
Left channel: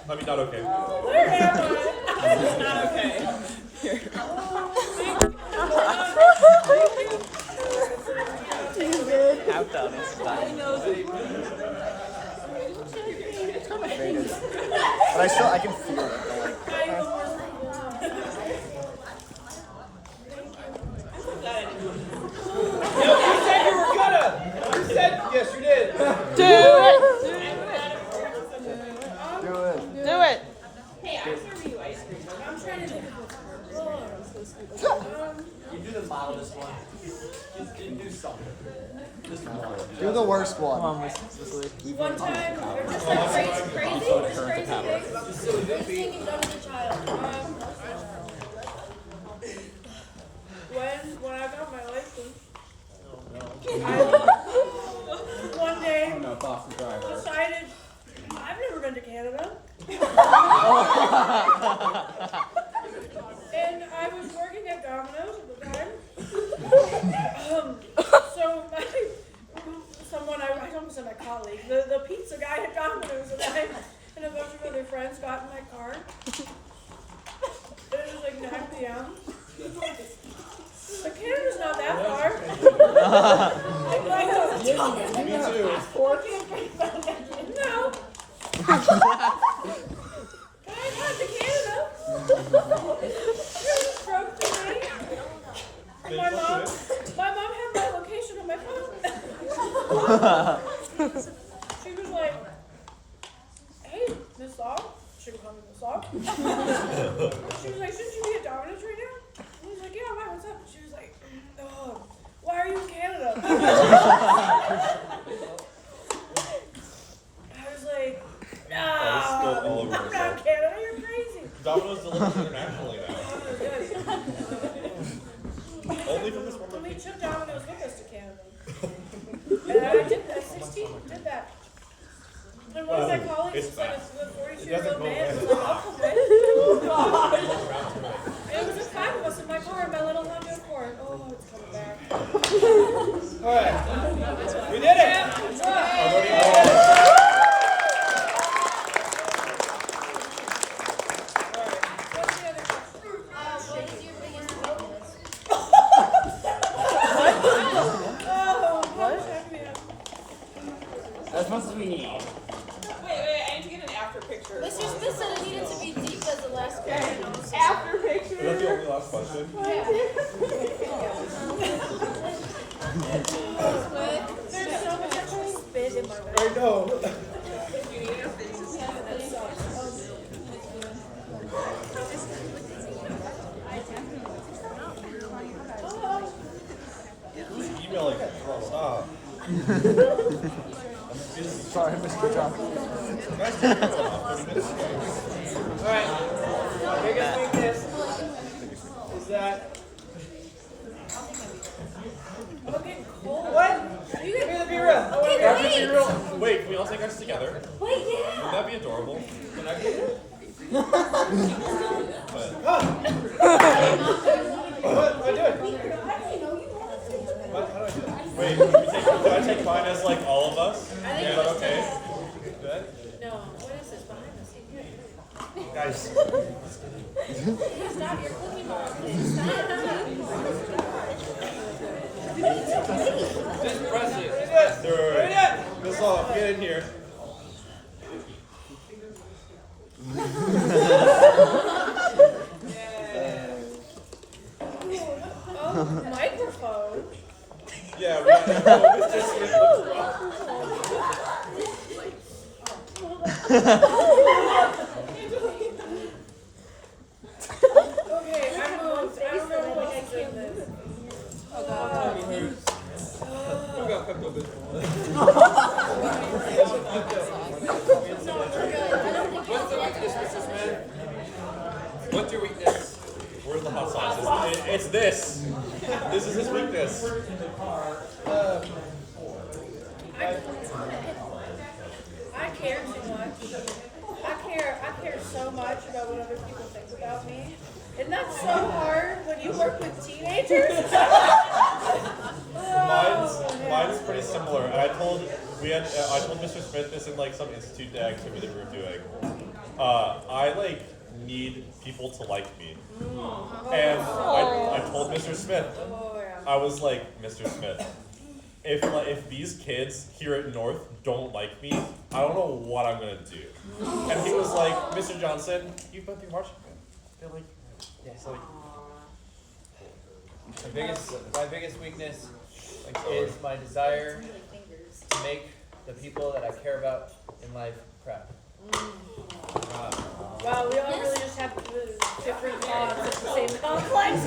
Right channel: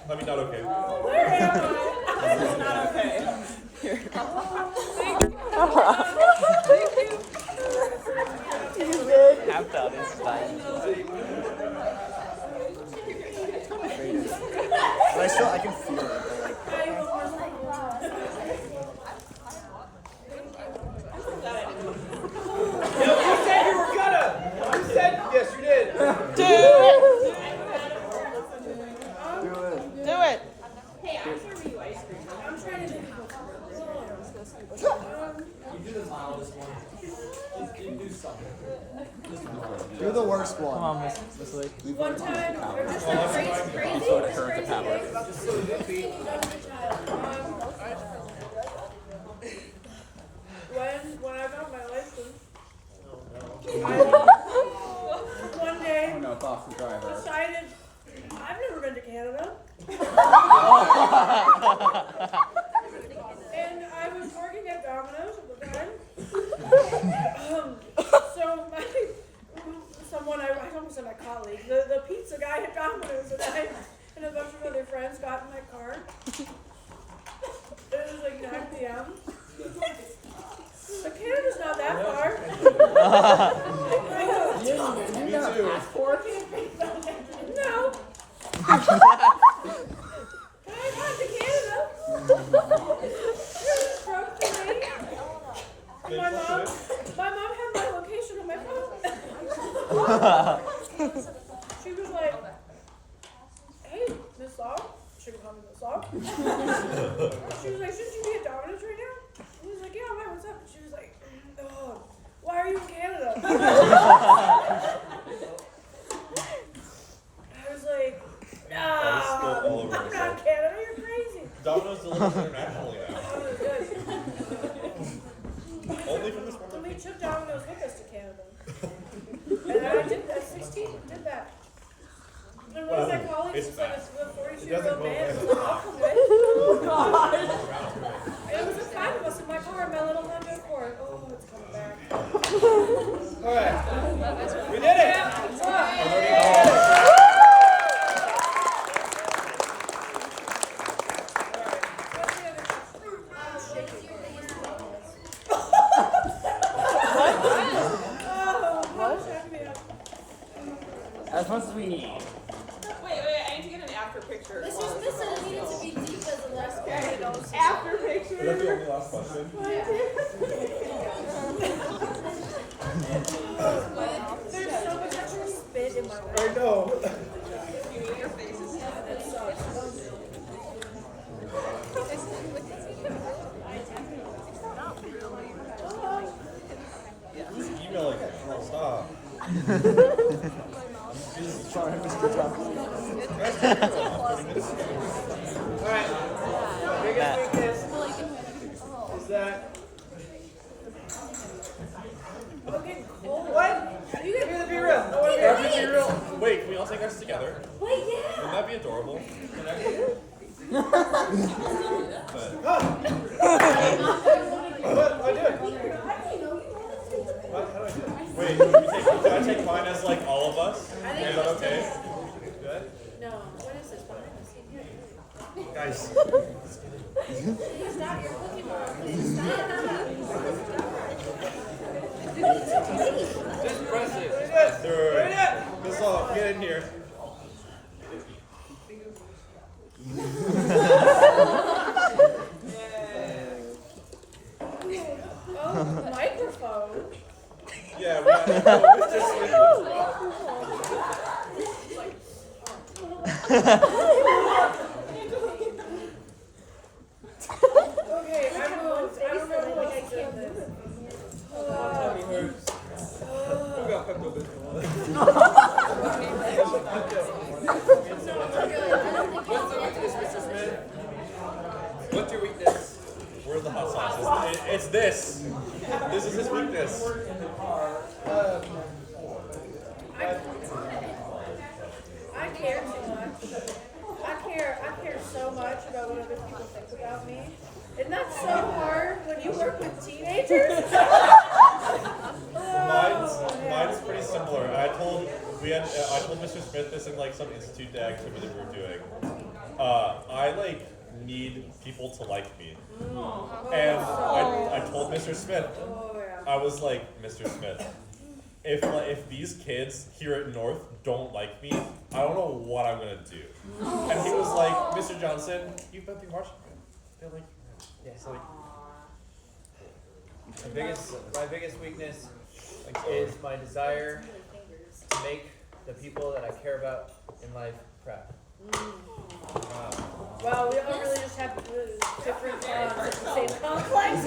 I mean, not okay. Where am I? It's not okay. Here. You good? I can feel it. I am the worst people. I'm so glad I didn't. No, you said you were gonna. You said yes, you did. Do it. Do it. Hey, I'm serving you ice cream. I'm trying to think of what's You do the mildest one. Just do something. Do the worst one. one time, or just like crazy things. Just silly goofy. Anything you've done as a child. When I got my license, Oh no. one day No, Boston driver. decided I've never been to Canada. And I was working at Domino's at the time. So someone, I almost said my colleague, the pizza guy at Domino's and I and a bunch of other friends got in my car. It was like 9 p.m. But Canada's not that far. Me too. No. But I got to Canada. It broke to me. And my mom had my location on my phone. She was like, "Hey, Miss Law." She would call me Miss Law. She was like, "Shouldn't you be at Domino's right now?" I was like, "Yeah, why? What's up?" She was like, "Oh, why are you in Canada?" I was like, That was spilled all over I'm not myself. in Canada, you're crazy. Domino's delivers internationally now. Domino's good. Only from this one And we location. took Domino's with us to Canada. And I did, at 16, did that. And one of my colleagues It's was like fast. a It 42-year-old doesn't go man. away. Was like, I'll come with. And it was just 5 of us in my car in my little Honda Accord. Oh, it's coming back. All right. We did it. Are there any We more? did it. All right. What's the other question? What is your biggest weakness? Oh, what? Check me out. As much as we need. Wait, I need to get an after picture. Mr. Smith said it needed to be deep as the last question. After Is that the picture. only last question? There's so much extra spit in my mouth. I know. That sucks. Who's emailing? Stop. I'm busy. Sorry, Mr. Thompson. Guys, take your one off 30 minutes ago. All right. My biggest weakness is that. I'm getting cold. What? You get me to be real. I want to be Happy to be real. Wait, can we all take ours together? Wait, yeah. Wouldn't that be adorable? Can I be it? But Huh? What do I do? What? How do I do it? wait, can I take mine as like all of us? I think Is that okay? Good. No, what is this behind us? Guys, Please stop, you're cooking more. Please stop. Just press it. What is it? Sir. What is it? Miss Law, get in here. Oh, microphone. Yeah, we got Mr. Smith looks rough. Okay, I moved. I don't know what I can't move. Tummy hurts. Who got Pepto-Bismol? What's the weakness, Mr. Smith? What's your weakness? Where's the hot sauce? It's this. This is his weakness. I care too much. I care so much about what other people think about me. And that's so hard when you work with teenagers. Mine's pretty similar. And I told we had. I told Mr. Smith this in like some institute day activity we were doing. I like need people to like me, and I told Mr. Smith. I was like, Mr. Smith, if these kids here at North don't like me, I don't know what I'm gonna do. And he was like, Mr. Johnson, you've been through marching band. They're like, yeah, so like, My biggest weakness is my desire to make the people that I care about in life proud. Wow, we all really just have different thoughts at the same complex.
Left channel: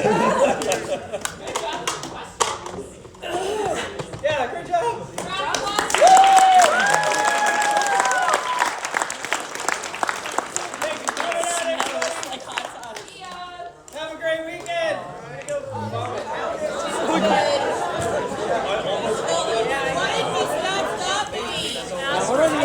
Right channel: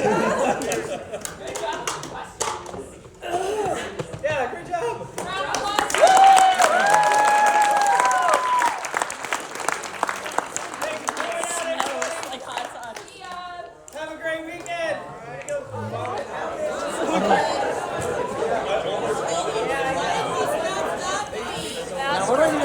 Yeah, great job. Thanks for coming out, everybody. Have a great weekend. I'm gonna go vomit. What are the